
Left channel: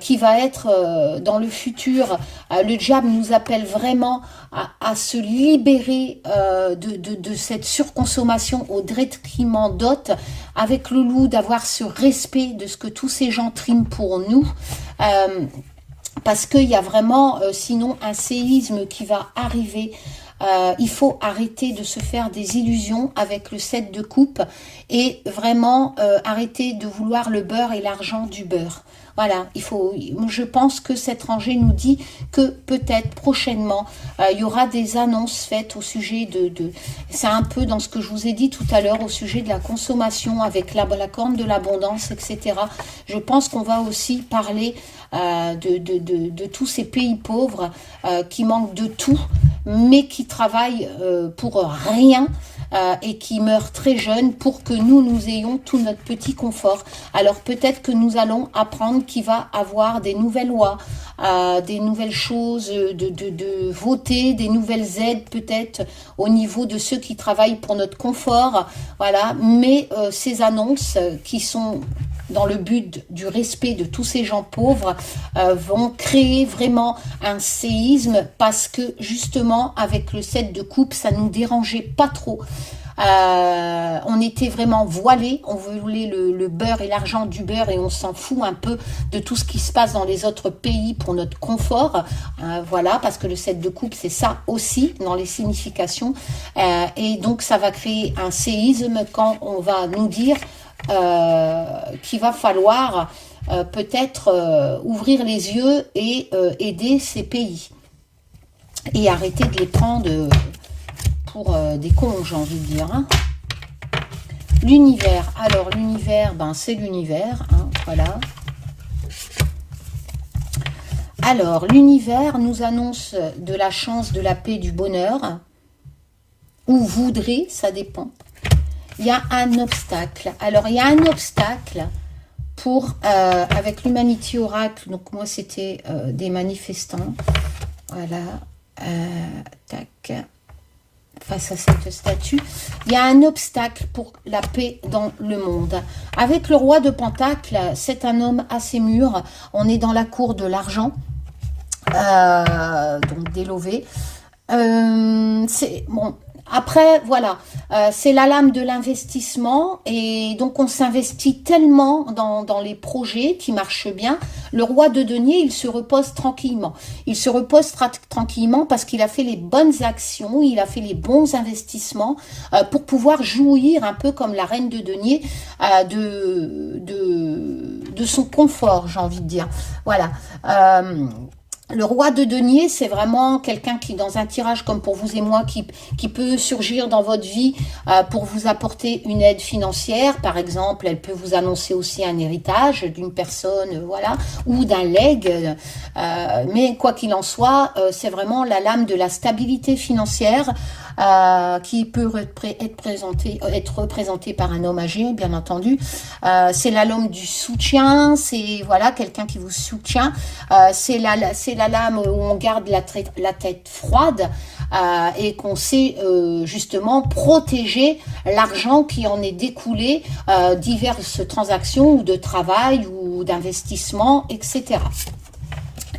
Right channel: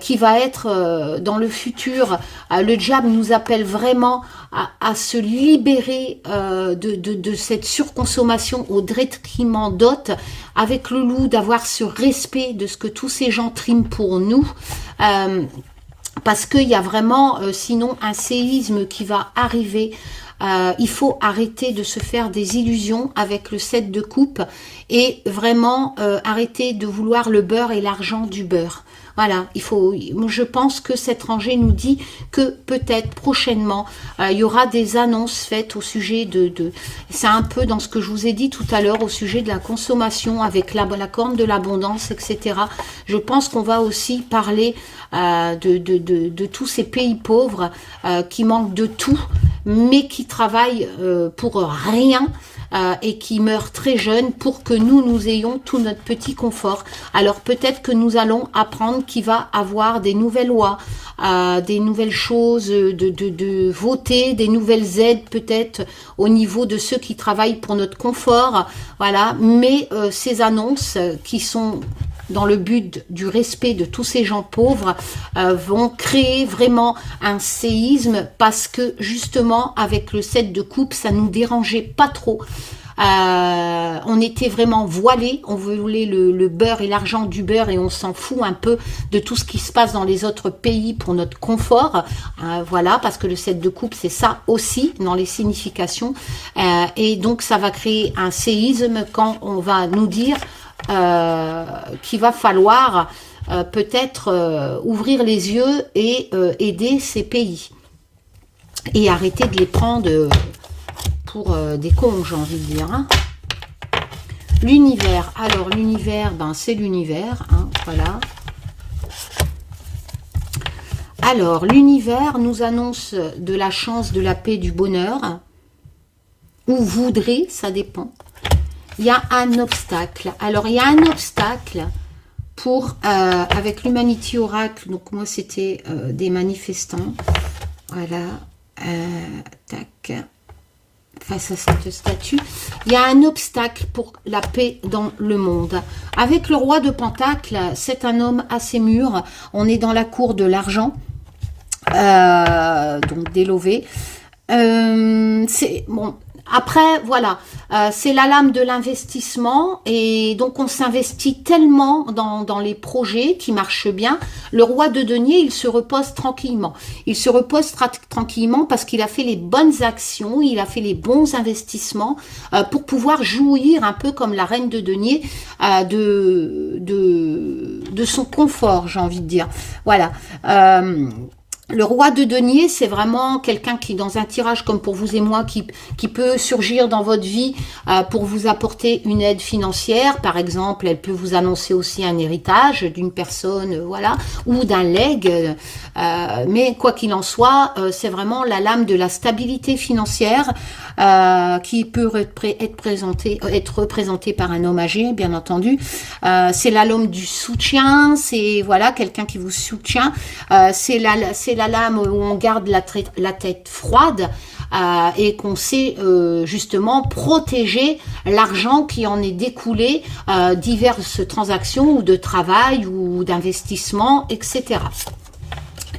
qui va être dans le futur. Le diable nous appelle vraiment à se libérer de cette surconsommation au détriment d'autres, avec le loup, d'avoir ce respect de ce que tous ces gens triment pour nous. Parce qu'il y a vraiment, sinon, un séisme qui va arriver. Il faut arrêter de se faire des illusions avec le 7 de coupe et vraiment arrêter de vouloir le beurre et l'argent du beurre. Voilà, je pense que cette rangée nous dit que peut-être prochainement, il y aura des annonces faites au sujet c'est un peu dans ce que je vous ai dit tout à l'heure, au sujet de la consommation avec la corne de l'abondance, etc. Je pense qu'on va aussi parler de tous ces pays pauvres qui manquent de tout, mais qui travaillent pour rien, et qui meurent très jeunes pour que nous ayons tout notre petit confort. Alors peut-être que nous allons apprendre qu'il va avoir des nouvelles lois, des nouvelles choses de voter, des nouvelles aides peut-être au niveau de ceux qui travaillent pour notre confort. Voilà, mais ces annonces qui sont dans le but du respect de tous ces gens pauvres, vont créer vraiment un séisme, parce que justement avec le 7 de coupe, ça nous dérangeait pas trop. On était vraiment voilés, on voulait le beurre et l'argent du beurre, et on s'en fout un peu de tout ce qui se passe dans les autres pays pour notre confort, voilà, parce que le 7 de coupe, c'est ça aussi dans les significations, et donc ça va créer un séisme quand on va nous dire qu'il va falloir peut-être ouvrir les yeux et aider ces pays et arrêter de les prendre pour des cons, j'ai envie de dire, hein. L'univers, alors l'univers, ben c'est l'univers, hein, voilà. Alors l'univers nous annonce de la chance, de la paix, du bonheur, ou voudrait, ça dépend. Il y a un obstacle. Alors, il y a un obstacle avec l'Humanity Oracle, donc moi c'était des manifestants, voilà, tac, face à cette statue, il y a un obstacle pour la paix dans le monde. Avec le roi de Pentacle, c'est un homme assez mûr, on est dans la cour de l'argent, donc d'Élové. C'est bon. Après, voilà, c'est la lame de l'investissement et donc on s'investit tellement dans les projets qui marchent bien. Le roi de denier, il se repose tranquillement. Il se repose tranquillement parce qu'il a fait les bonnes actions, il a fait les bons investissements pour pouvoir jouir un peu comme la reine de denier de son confort, j'ai envie de dire. Voilà. Le roi de denier, c'est vraiment quelqu'un qui, dans un tirage comme pour vous et moi, qui peut surgir dans votre vie pour vous apporter une aide financière. Par exemple, elle peut vous annoncer aussi un héritage d'une personne, voilà, ou d'un legs. Mais quoi qu'il en soit, c'est vraiment la lame de la stabilité financière qui peut être représentée par un homme âgé, bien entendu. C'est la lame du soutien, c'est voilà quelqu'un qui vous soutient. C'est la lame où on garde la tête froide et qu'on sait justement protéger l'argent qui en est découlé diverses transactions ou de travail ou d'investissement, etc.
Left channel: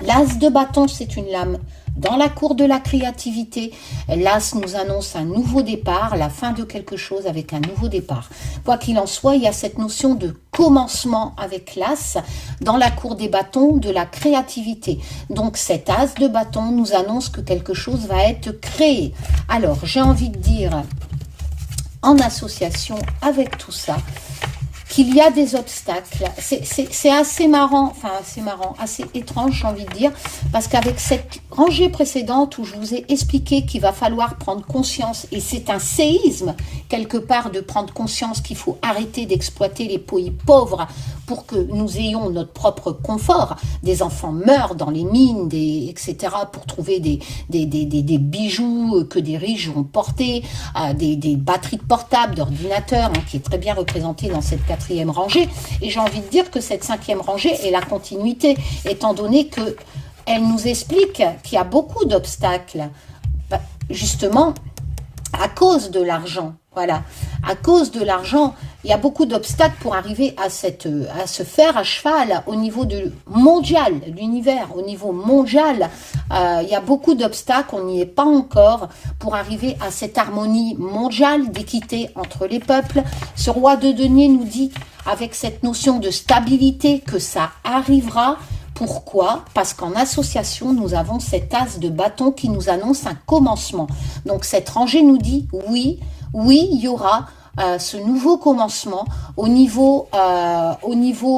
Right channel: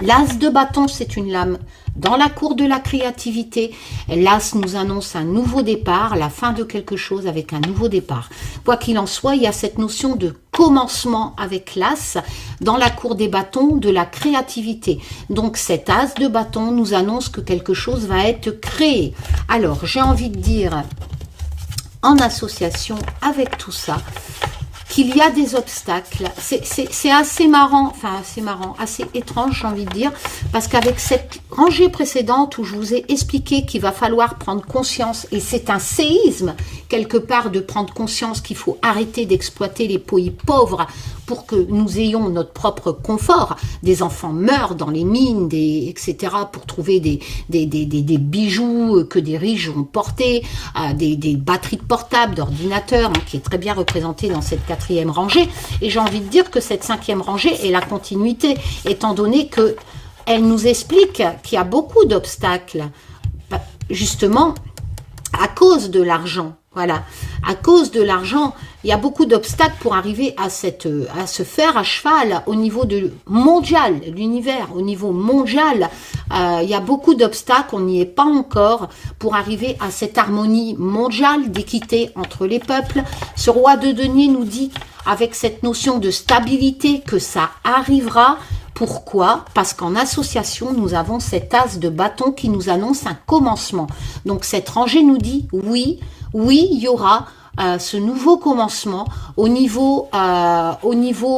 L'as de bâton, c'est une lame dans la cour de la créativité. L'as nous annonce un nouveau départ, la fin de quelque chose avec un nouveau départ. Quoi qu'il en soit, il y a cette notion de commencement avec l'as dans la cour des bâtons de la créativité. Donc cet as de bâton nous annonce que quelque chose va être créé. Alors, j'ai envie de dire, en association avec tout ça, qu'il y a des obstacles. C'est assez marrant, assez étrange, j'ai envie de dire, parce qu'avec cette rangée précédente où je vous ai expliqué qu'il va falloir prendre conscience, et c'est un séisme, quelque part, de prendre conscience qu'il faut arrêter d'exploiter les pays pauvres pour que nous ayons notre propre confort. Des enfants meurent dans les mines, etc., pour trouver des bijoux que des riches vont porter, des batteries de portables, d'ordinateurs, qui est très bien représentée dans cette quatrième rangée. Et j'ai envie de dire que cette cinquième rangée est la continuité, étant donné que elle nous explique qu'il y a beaucoup d'obstacles, justement, à cause de l'argent. Voilà, à cause de l'argent, il y a beaucoup d'obstacles pour arriver à se faire à cheval au niveau mondial, l'univers, au niveau mondial. Il y a beaucoup d'obstacles, on n'y est pas encore, pour arriver à cette harmonie mondiale d'équité entre les peuples. Ce roi de denier nous dit, avec cette notion de stabilité, que ça arrivera. Pourquoi? Parce qu'en association, nous avons cet as de bâton qui nous annonce un commencement. Donc cette rangée nous dit oui, il y aura ce nouveau commencement au niveau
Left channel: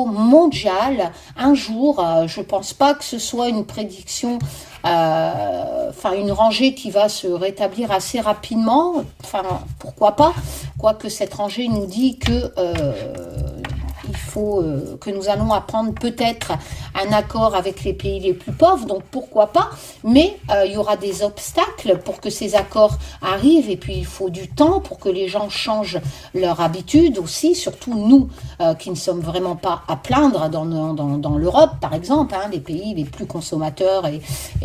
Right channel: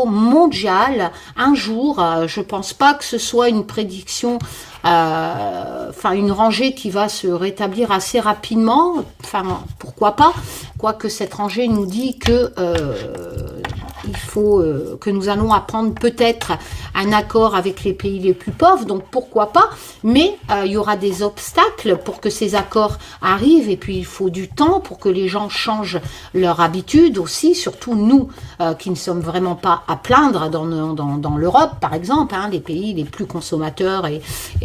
mondial. Un jour, je pense pas que ce soit une prédiction, une rangée qui va se rétablir assez rapidement. Pourquoi pas? Quoique cette rangée nous dit que il faut que nous allons apprendre peut-être un accord avec les pays les plus pauvres, donc pourquoi pas, mais il y aura des obstacles pour que ces accords arrivent, et puis il faut du temps pour que les gens changent leur habitude aussi, surtout nous qui ne sommes vraiment pas à plaindre dans l'Europe par exemple, les pays les plus consommateurs, et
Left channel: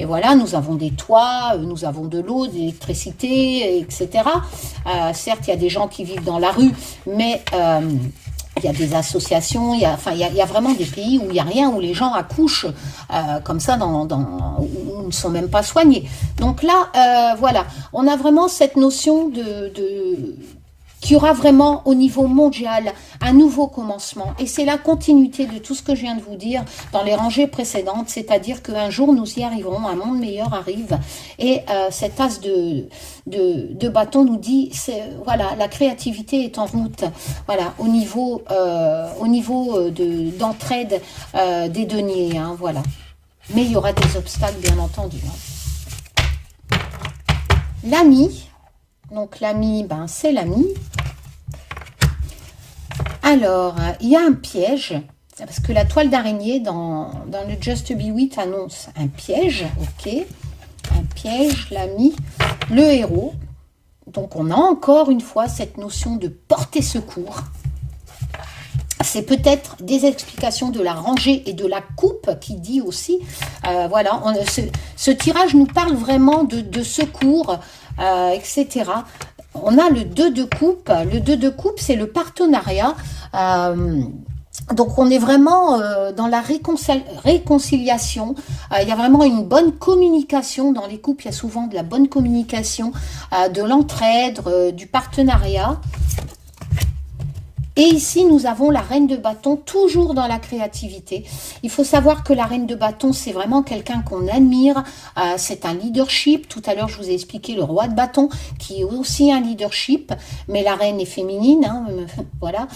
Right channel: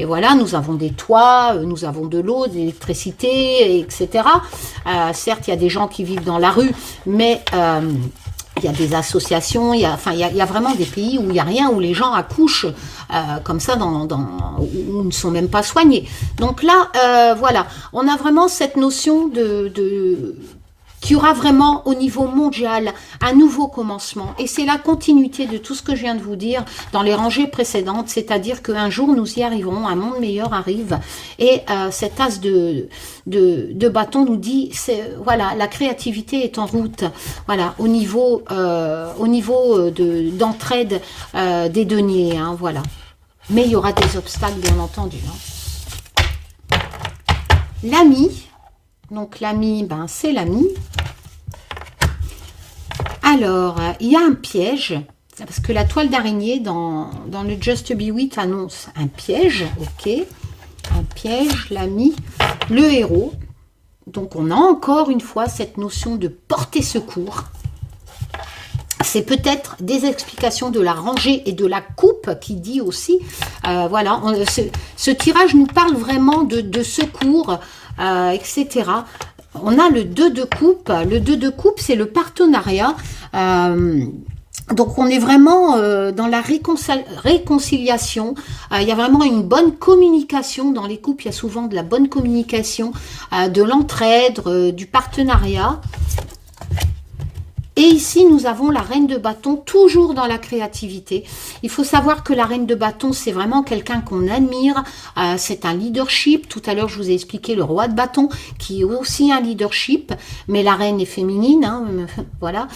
voilà, nous avons des toits, nous avons de l'eau, de l'électricité, etc. Certes, il y a des gens qui vivent dans la rue, mais il y a des associations, il y a vraiment des pays où il n'y a rien, où les gens accouchent comme ça, où ne sont même pas soignés. Donc là, voilà, on a vraiment cette notion qu'il y aura vraiment au niveau mondial un nouveau commencement. Et c'est la continuité de tout ce que je viens de vous dire dans les rangées précédentes, c'est-à-dire qu'un jour nous y arriverons, un monde meilleur arrive. Et cet as de bâton nous dit, voilà, la créativité est en route. Voilà, au niveau d'entraide des deniers, voilà. Mais il y aura des obstacles, bien entendu. L'ami. Donc l'ami, c'est l'ami. Alors, il y a un piège, parce que la toile d'araignée dans le Just Be With annonce un piège, ok. Un piège, l'ami, le héros. Donc on a encore une fois cette notion de porter secours. c'est peut-être des explications de la rangée et de la coupe qui dit aussi, voilà, ce tirage nous parle vraiment de secours, etc. On a le 2 de coupe. Le 2 de coupe, c'est le partenariat. Donc, on est vraiment dans la réconciliation. Il y a vraiment une bonne communication dans les couples. Il y a souvent de la bonne communication, de l'entraide, du partenariat. Et ici, nous avons la reine de bâton, toujours dans la créativité. Il faut savoir que la reine de bâton, c'est vraiment quelqu'un qu'on admire. C'est un leadership. Tout à l'heure, je vous ai expliqué le roi de bâton, qui est aussi un leadership. Mais la reine est féminine, hein, voilà.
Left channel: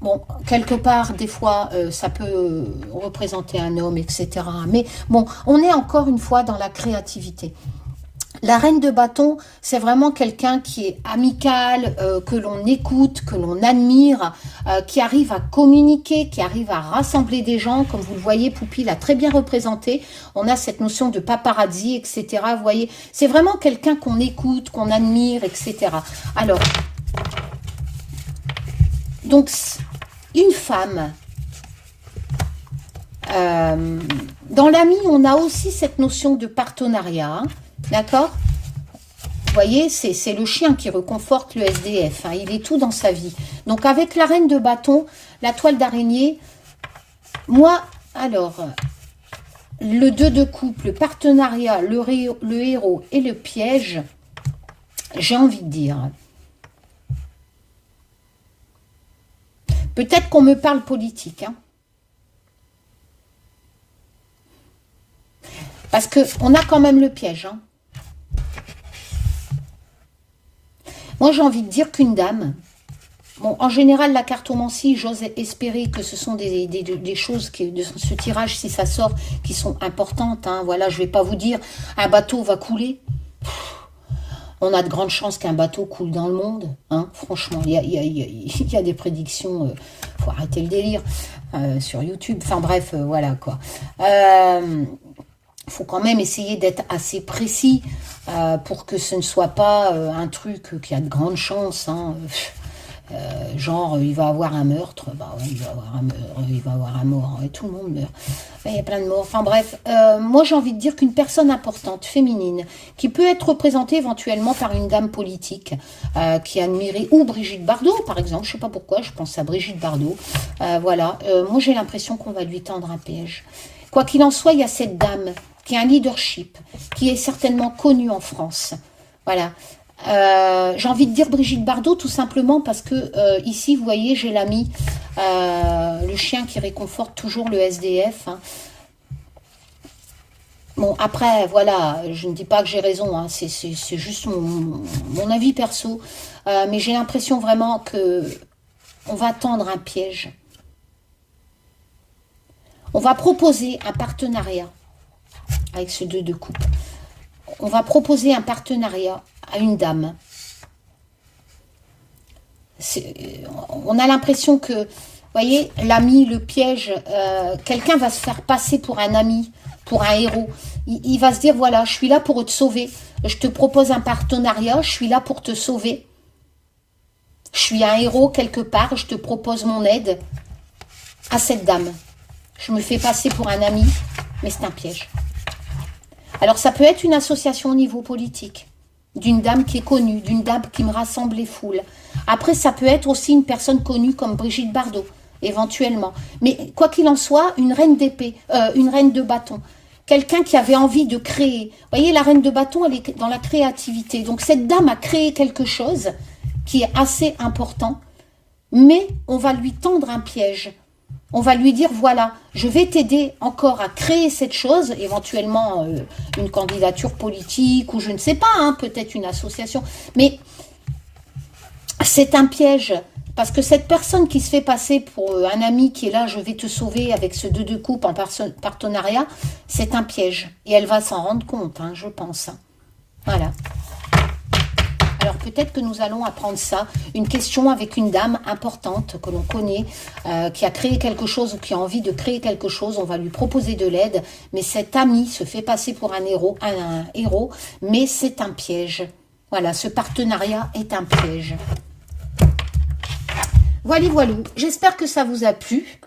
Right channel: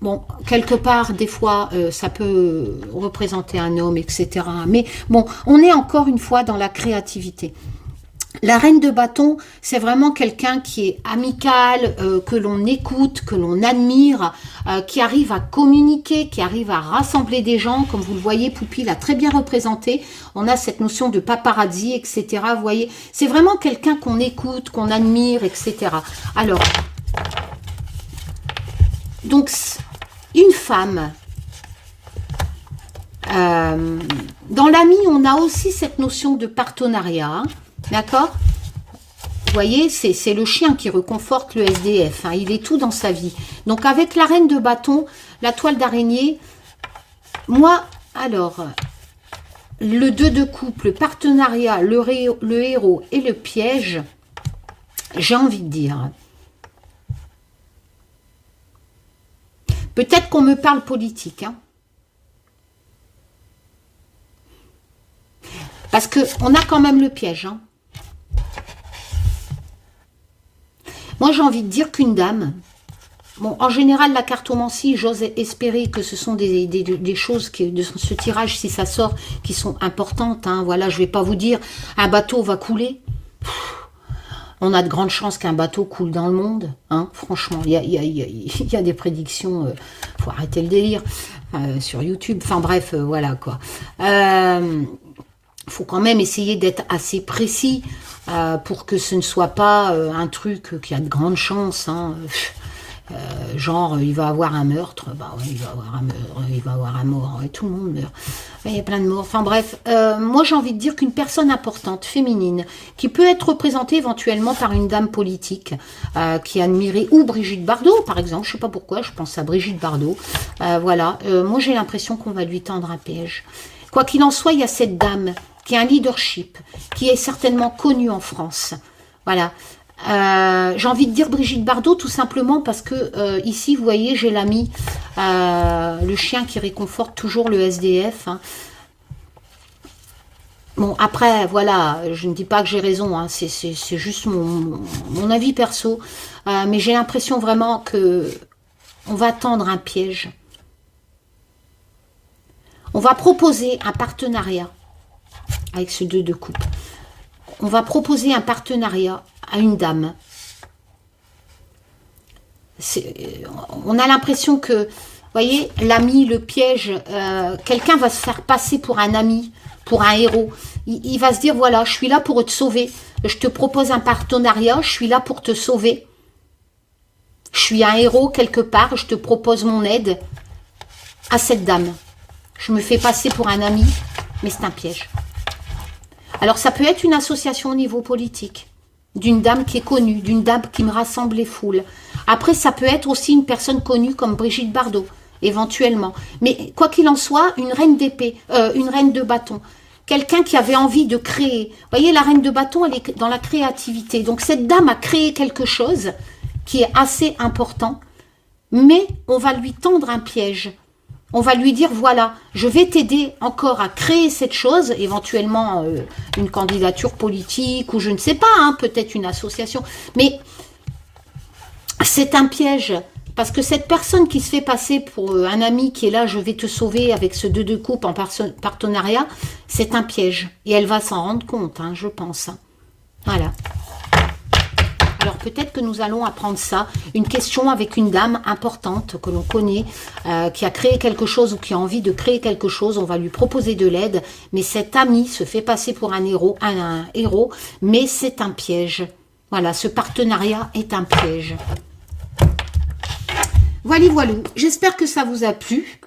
Bon, quelque part, des fois, ça peut représenter un homme, etc. Mais bon, on est encore une fois dans la créativité. La reine de bâton, c'est vraiment quelqu'un qui est amical, que l'on écoute, que l'on admire, qui arrive à communiquer, qui arrive à rassembler des gens. Comme vous le voyez, Poupie l'a très bien représenté. On a cette notion de paparazzi, etc. Vous voyez, c'est vraiment quelqu'un qu'on écoute, qu'on admire, etc. Alors, donc, une femme... dans l'ami, on a aussi cette notion de partenariat, hein. D'accord? Vous voyez, c'est le chien qui réconforte le SDF. Hein, il est tout dans sa vie. Donc, avec la reine de bâton, la toile d'araignée, moi, alors, le 2 de coupe, le partenariat, le héros et le piège, j'ai envie de dire. Peut-être qu'on me parle politique, hein. Parce qu'on a quand même le piège, hein. Moi, j'ai envie de dire qu'une dame, bon, en général, la cartomancie, j'ose espérer que ce sont des choses qui, de ce tirage, si ça sort, qui sont importantes. Hein. Voilà, je ne vais pas vous dire, un bateau va couler. On a de grandes chances qu'un bateau coule dans le monde. Hein. Franchement, il y a des prédictions, faut arrêter le délire, sur YouTube. Enfin bref, voilà quoi. Faut quand même essayer d'être assez précis pour que ce ne soit pas un truc qui a de grandes chances. Hein. Genre, il va avoir un meurtre, bah ouais, il va avoir un meurtre, il va avoir un mort, et tout le monde meurt. Il y a plein de morts. Enfin bref, moi j'ai envie de dire qu'une personne importante, féminine, qui peut être représentée éventuellement par une dame politique qui est admirée, ou Brigitte Bardot par exemple, je sais pas pourquoi, je pense à Brigitte Bardot. Voilà, moi j'ai l'impression qu'on va lui tendre un piège. Quoi qu'il en soit, il y a cette dame qui a un leadership, qui est certainement connue en France. Voilà. J'ai envie de dire Brigitte Bardot tout simplement parce que ici, vous voyez, j'ai l'ami, le chien qui réconforte toujours le SDF. Hein. Bon, après, voilà, je ne dis pas que j'ai raison, hein, c'est juste mon avis perso. Mais j'ai l'impression vraiment que on va tendre un piège. On va proposer un partenariat avec ce 2 de coupe. On va proposer un partenariat à une dame. On a l'impression que, vous voyez, l'ami, le piège, quelqu'un va se faire passer pour un ami, pour un héros. Il va se dire, voilà, je suis là pour te sauver. Je te propose un partenariat, je suis là pour te sauver. Je suis un héros quelque part, je te propose mon aide à cette dame. Je me fais passer pour un ami, mais c'est un piège. Alors, ça peut être une association au niveau politique, d'une dame qui est connue, d'une dame qui me rassemble les foules. Après, ça peut être aussi une personne connue comme Brigitte Bardot, éventuellement. Mais quoi qu'il en soit, une reine d'épée, une reine de bâton, quelqu'un qui avait envie de créer. Vous voyez, la reine de bâton, elle est dans la créativité. Donc, cette dame a créé quelque chose qui est assez important, mais on va lui tendre un piège. On va lui dire, voilà, je vais t'aider encore à créer cette chose, éventuellement une candidature politique, ou je ne sais pas, hein, peut-être une association. Mais c'est un piège, parce que cette personne qui se fait passer pour un ami qui est là, je vais te sauver avec ce 2 de coupe en partenariat, c'est un piège. Et elle va s'en rendre compte, hein, je pense. Voilà. Alors peut-être que nous allons apprendre ça, une question avec une dame importante que l'on connaît, qui a créé quelque chose ou qui a envie de créer quelque chose, on va lui proposer de l'aide, mais cet ami se fait passer pour un héros, mais c'est un piège. Voilà, ce partenariat est un piège. Voilà, voilà. J'espère que ça vous a plu.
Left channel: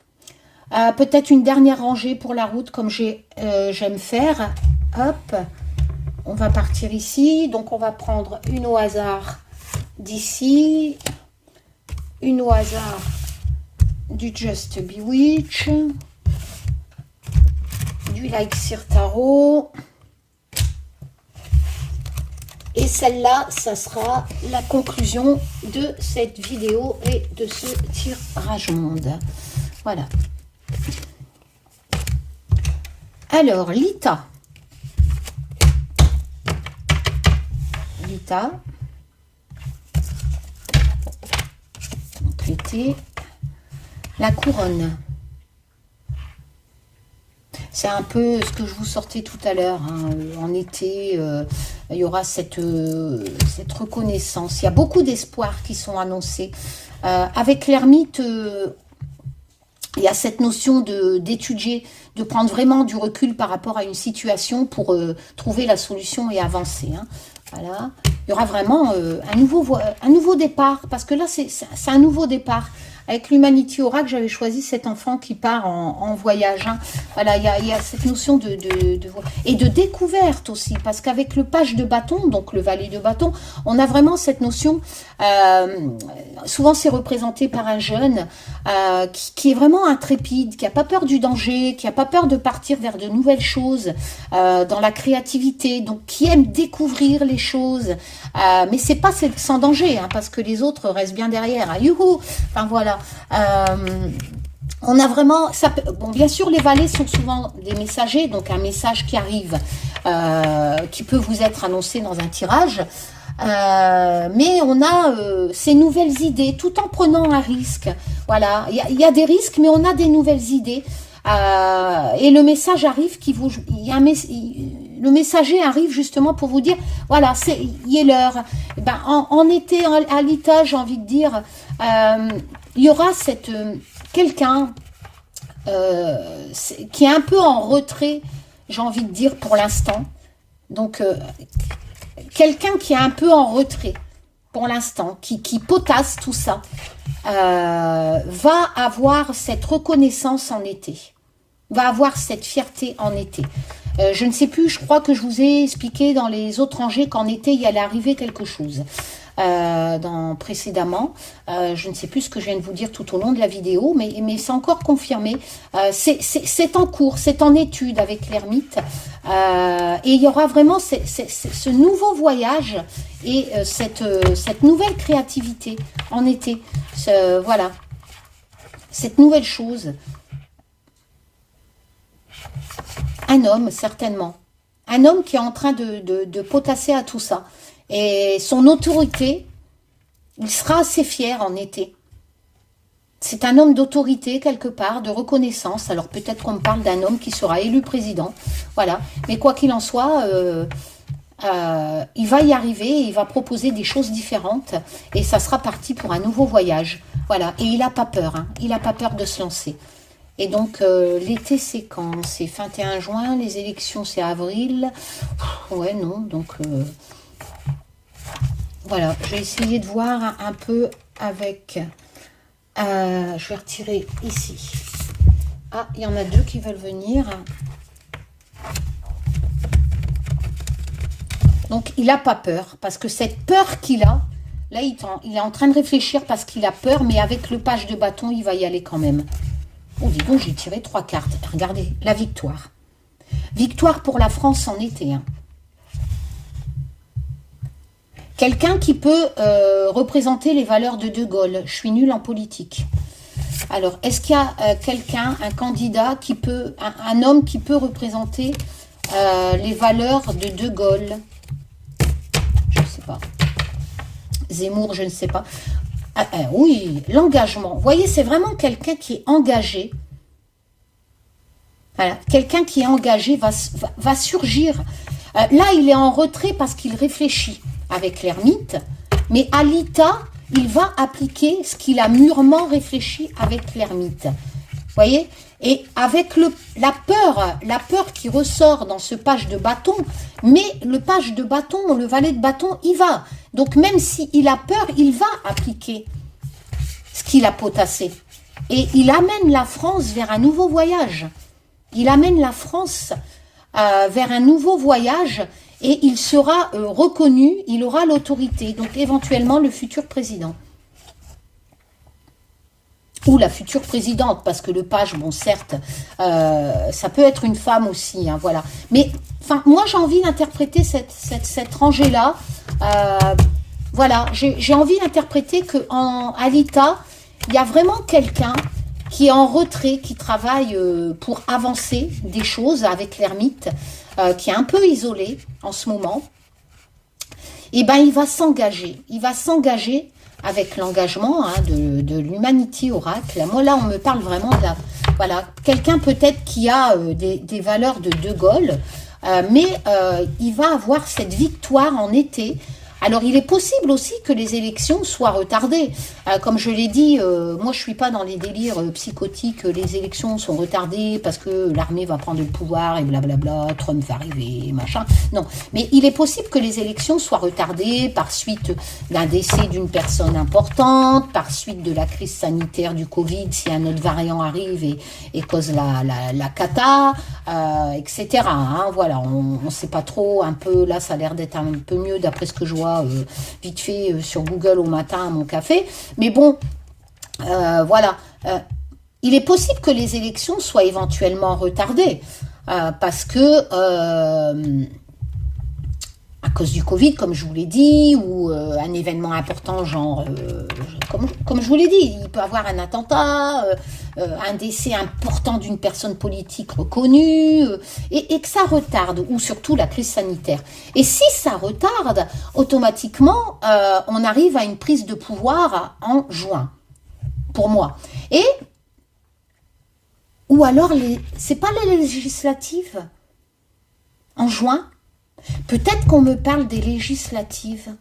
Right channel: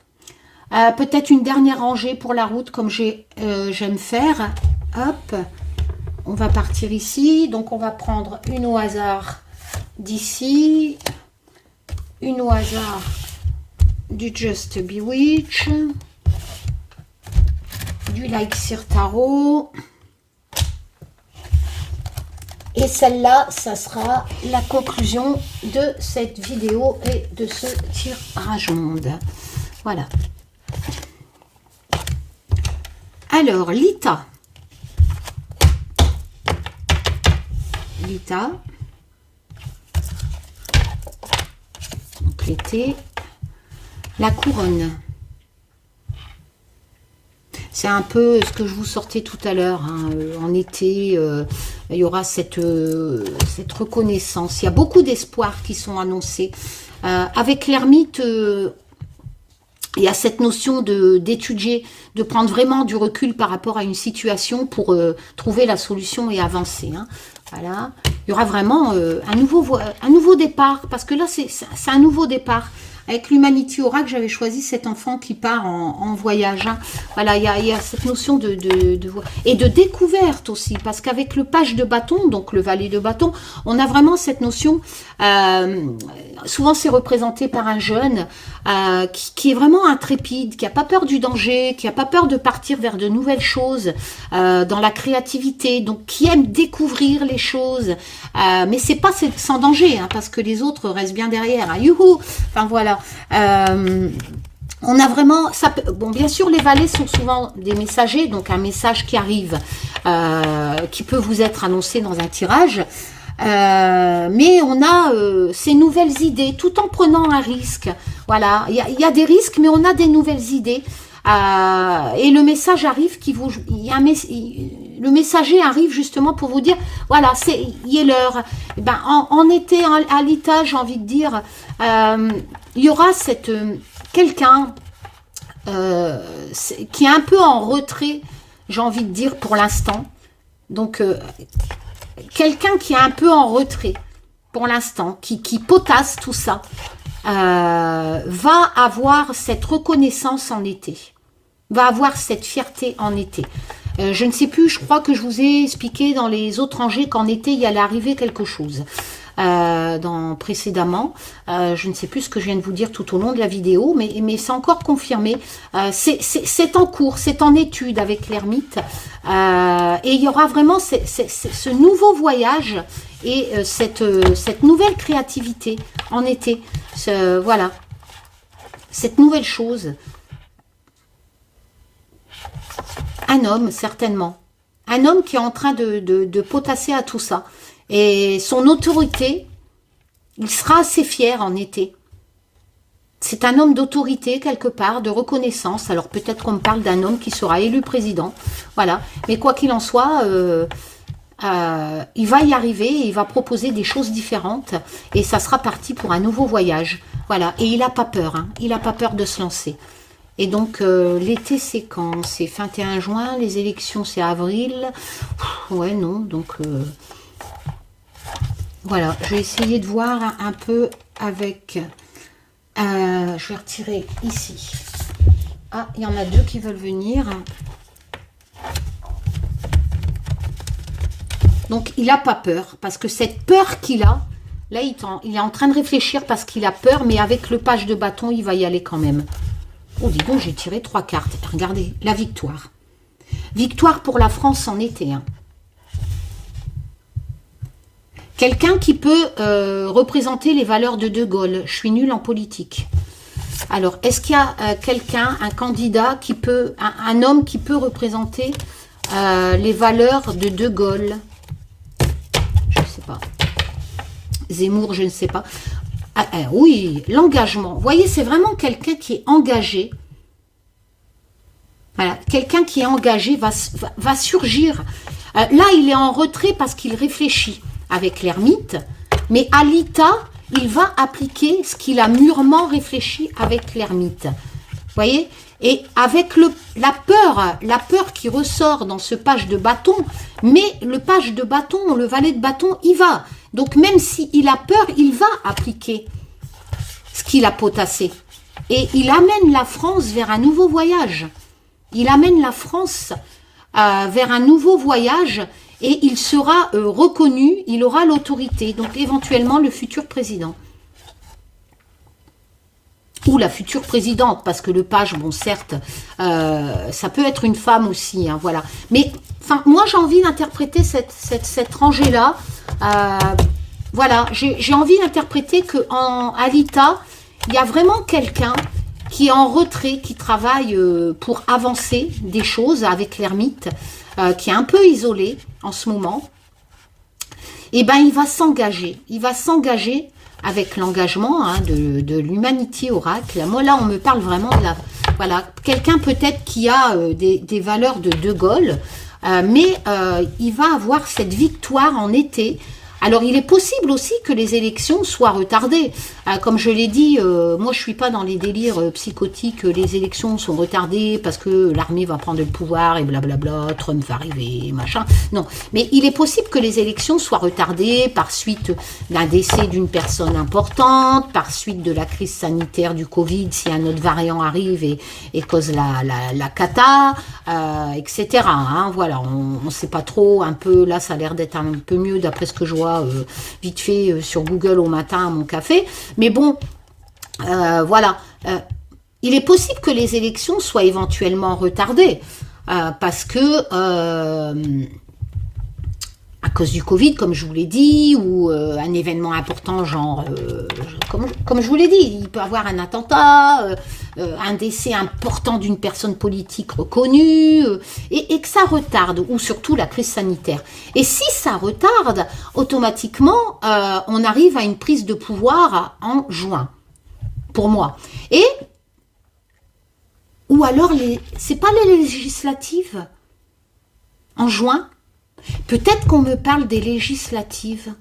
Peut-être une dernière rangée pour la route, comme j'aime faire. Hop, on va partir ici. Donc, on va prendre une au hasard d'ici. Une au hasard du Just Bewitch. Du Elixir Tarot. Et celle-là, ça sera la conclusion de cette vidéo et de ce tirage monde. Voilà. Alors, Lita. Lita. Donc, l'été. La couronne. C'est un peu ce que je vous sortais tout à l'heure. Hein. En été, il y aura cette reconnaissance. Il y a beaucoup d'espoirs qui sont annoncés. Avec l'ermite, il y a cette notion d'étudier, de prendre vraiment du recul par rapport à une situation pour trouver la solution et avancer. Hein. Voilà. Il y aura vraiment un nouveau départ, parce que là, c'est un nouveau départ. Avec l'Humanity Oracle, j'avais choisi cet enfant qui part en voyage. Hein. Voilà, il y a cette notion et de découverte aussi, parce qu'avec le page de bâton, donc le valet de bâton, on a vraiment cette notion, souvent c'est représenté par un jeune qui est vraiment intrépide, qui n'a pas peur du danger, qui n'a pas peur de partir vers de nouvelles choses, dans la créativité, donc qui aime découvrir les choses, mais c'est pas sans danger, hein, parce que les autres restent bien derrière. Hein, youhou. Enfin voilà. On a vraiment, bon, bien sûr les valets sont souvent des messagers, donc un message qui arrive, qui peut vous être annoncé dans un tirage, mais on a ces nouvelles idées, tout en prenant un risque. Voilà, il y a des risques, mais on a des nouvelles idées, et le message arrive le messager arrive justement pour vous dire, voilà, il est l'heure. Ben, en été, à Lita, j'ai envie de dire, il y aura quelqu'un qui est un peu en retrait, j'ai envie de dire, pour l'instant. Donc, quelqu'un qui est un peu en retrait pour l'instant, qui potasse tout ça, va avoir cette reconnaissance en été, va avoir cette fierté en été. Je ne sais plus, je crois que je vous ai expliqué dans les autres rangées qu'en été, il allait arriver quelque chose. Précédemment, je ne sais plus ce que je viens de vous dire tout au long de la vidéo, mais c'est encore confirmé. C'est en cours, c'est en étude avec l'ermite, et il y aura vraiment ce nouveau voyage et cette nouvelle créativité en été. Voilà, cette nouvelle chose. Un homme, certainement. Un homme qui est en train de potasser à tout ça. Et son autorité, il sera assez fier en été. C'est un homme d'autorité quelque part, de reconnaissance. Alors peut-être qu'on me parle d'un homme qui sera élu président. Voilà. Mais quoi qu'il en soit, il va y arriver, il va proposer des choses différentes. Et ça sera parti pour un nouveau voyage. Voilà. Et il n'a pas peur. Hein. Il n'a pas peur de se lancer. Et donc, l'été, c'est quand? C'est fin 21 juin, les élections, c'est avril. Ouais, non, donc... voilà, je vais essayer de voir un peu avec... je vais retirer ici. Ah, il y en a deux qui veulent venir. Donc, il n'a pas peur, parce que cette peur qu'il a, là, il est en train de réfléchir parce qu'il a peur, mais avec le page de bâton, il va y aller quand même. Oh, dis donc, j'ai tiré 3 cartes. Regardez, la victoire. Victoire pour la France en été. Hein. Quelqu'un qui peut représenter les valeurs de De Gaulle. Je suis nulle en politique. Alors, est-ce qu'il y a quelqu'un, un candidat, qui peut, un homme qui peut représenter les valeurs de De Gaulle? Je ne sais pas. Zemmour, je ne sais pas. Oui, l'engagement. Vous voyez, c'est vraiment quelqu'un qui est engagé. Voilà, quelqu'un qui est engagé va surgir. Là, il est en retrait parce qu'il réfléchit avec l'ermite. Mais à Lita, il va appliquer ce qu'il a mûrement réfléchi avec l'ermite. Vous voyez? Et avec la peur qui ressort dans ce page de bâton, mais le page de bâton, le valet de bâton, il va. Donc même s'il a peur, il va appliquer qu'il a potassé. Et il amène la France vers un nouveau voyage. Il amène la France vers un nouveau voyage et il sera reconnu, il aura l'autorité, donc éventuellement le futur président. Ou la future présidente, parce que le page, bon certes, ça peut être une femme aussi, hein, voilà. Mais enfin, moi j'ai envie d'interpréter cette rangée-là. Voilà, j'ai envie d'interpréter qu'à l'ITA, il y a vraiment quelqu'un qui est en retrait, qui travaille pour avancer des choses avec l'ermite, qui est un peu isolé en ce moment. Et ben il va s'engager. Il va s'engager avec l'engagement hein, de l'Humanity Oracle. Moi là, on me parle vraiment de voilà, quelqu'un peut-être qui a des valeurs de Gaulle, mais il va avoir cette victoire en été. Alors, il est possible aussi que les élections soient retardées. Comme je l'ai dit, moi, je suis pas dans les délires psychotiques. Les élections sont retardées parce que l'armée va prendre le pouvoir et blablabla, Trump va arriver, machin. Non, mais il est possible que les élections soient retardées par suite d'un décès d'une personne importante, par suite de la crise sanitaire du Covid, si un autre variant arrive et cause la cata, etc. Hein, voilà, on ne sait pas trop, un peu, là, ça a l'air d'être un peu mieux d'après ce que je vois vite fait sur Google au matin à mon café, mais bon, voilà, il est possible que les élections soient éventuellement retardées, parce que à cause du Covid, comme je vous l'ai dit, ou un événement important, genre, comme je vous l'ai dit, il peut y avoir un attentat, un décès important d'une personne politique reconnue, et que ça retarde, ou surtout la crise sanitaire. Et si ça retarde, automatiquement, on arrive à une prise de pouvoir en juin, pour moi. Et, ou alors, c'est pas les législatives en juin? Peut-être qu'on me parle des législatives.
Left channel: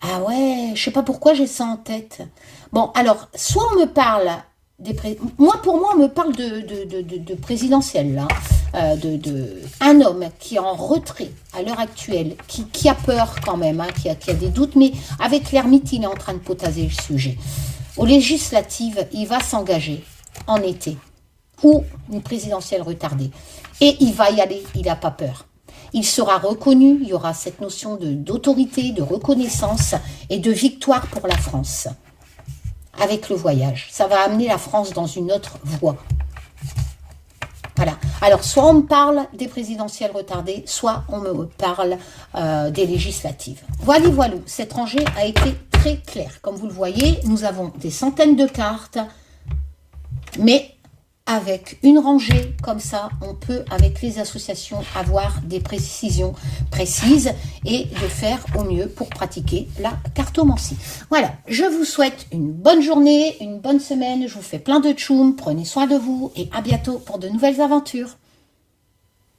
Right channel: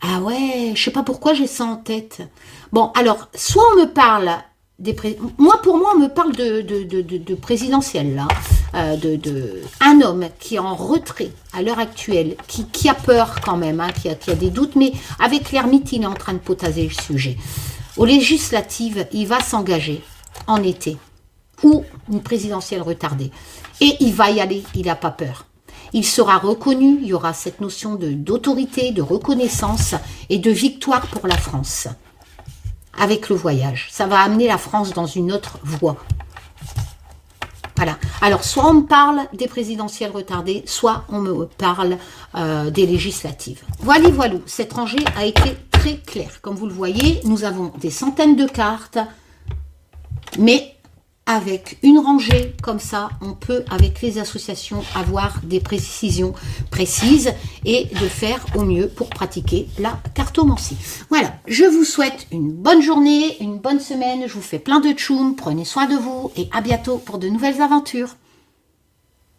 Ah ouais, je sais pas pourquoi j'ai ça en tête. Bon, alors, soit on me parle pour moi, on me parle de présidentielle, là. Un homme qui est en retrait à l'heure actuelle, qui a peur quand même, hein, qui a des doutes, mais avec l'ermite, il est en train de potager le sujet. Aux législatives, il va s'engager en été. Ou une présidentielle retardée. Et il va y aller, il n'a pas peur. Il sera reconnu, il y aura cette notion d'autorité, de reconnaissance et de victoire pour la France. Avec le voyage. Ça va amener la France dans une autre voie. Voilà. Alors, soit on me parle des présidentielles retardées, soit on me parle des législatives. Voilà, voilà. Cette rangée a été très claire. Comme vous le voyez, nous avons des centaines de cartes, mais avec une rangée comme ça, on peut, avec les associations, avoir des précisions précises et de faire au mieux pour pratiquer la cartomancie. Voilà, je vous souhaite une bonne journée, une bonne semaine, je vous fais plein de tchoum, prenez soin de vous et à bientôt pour de nouvelles aventures.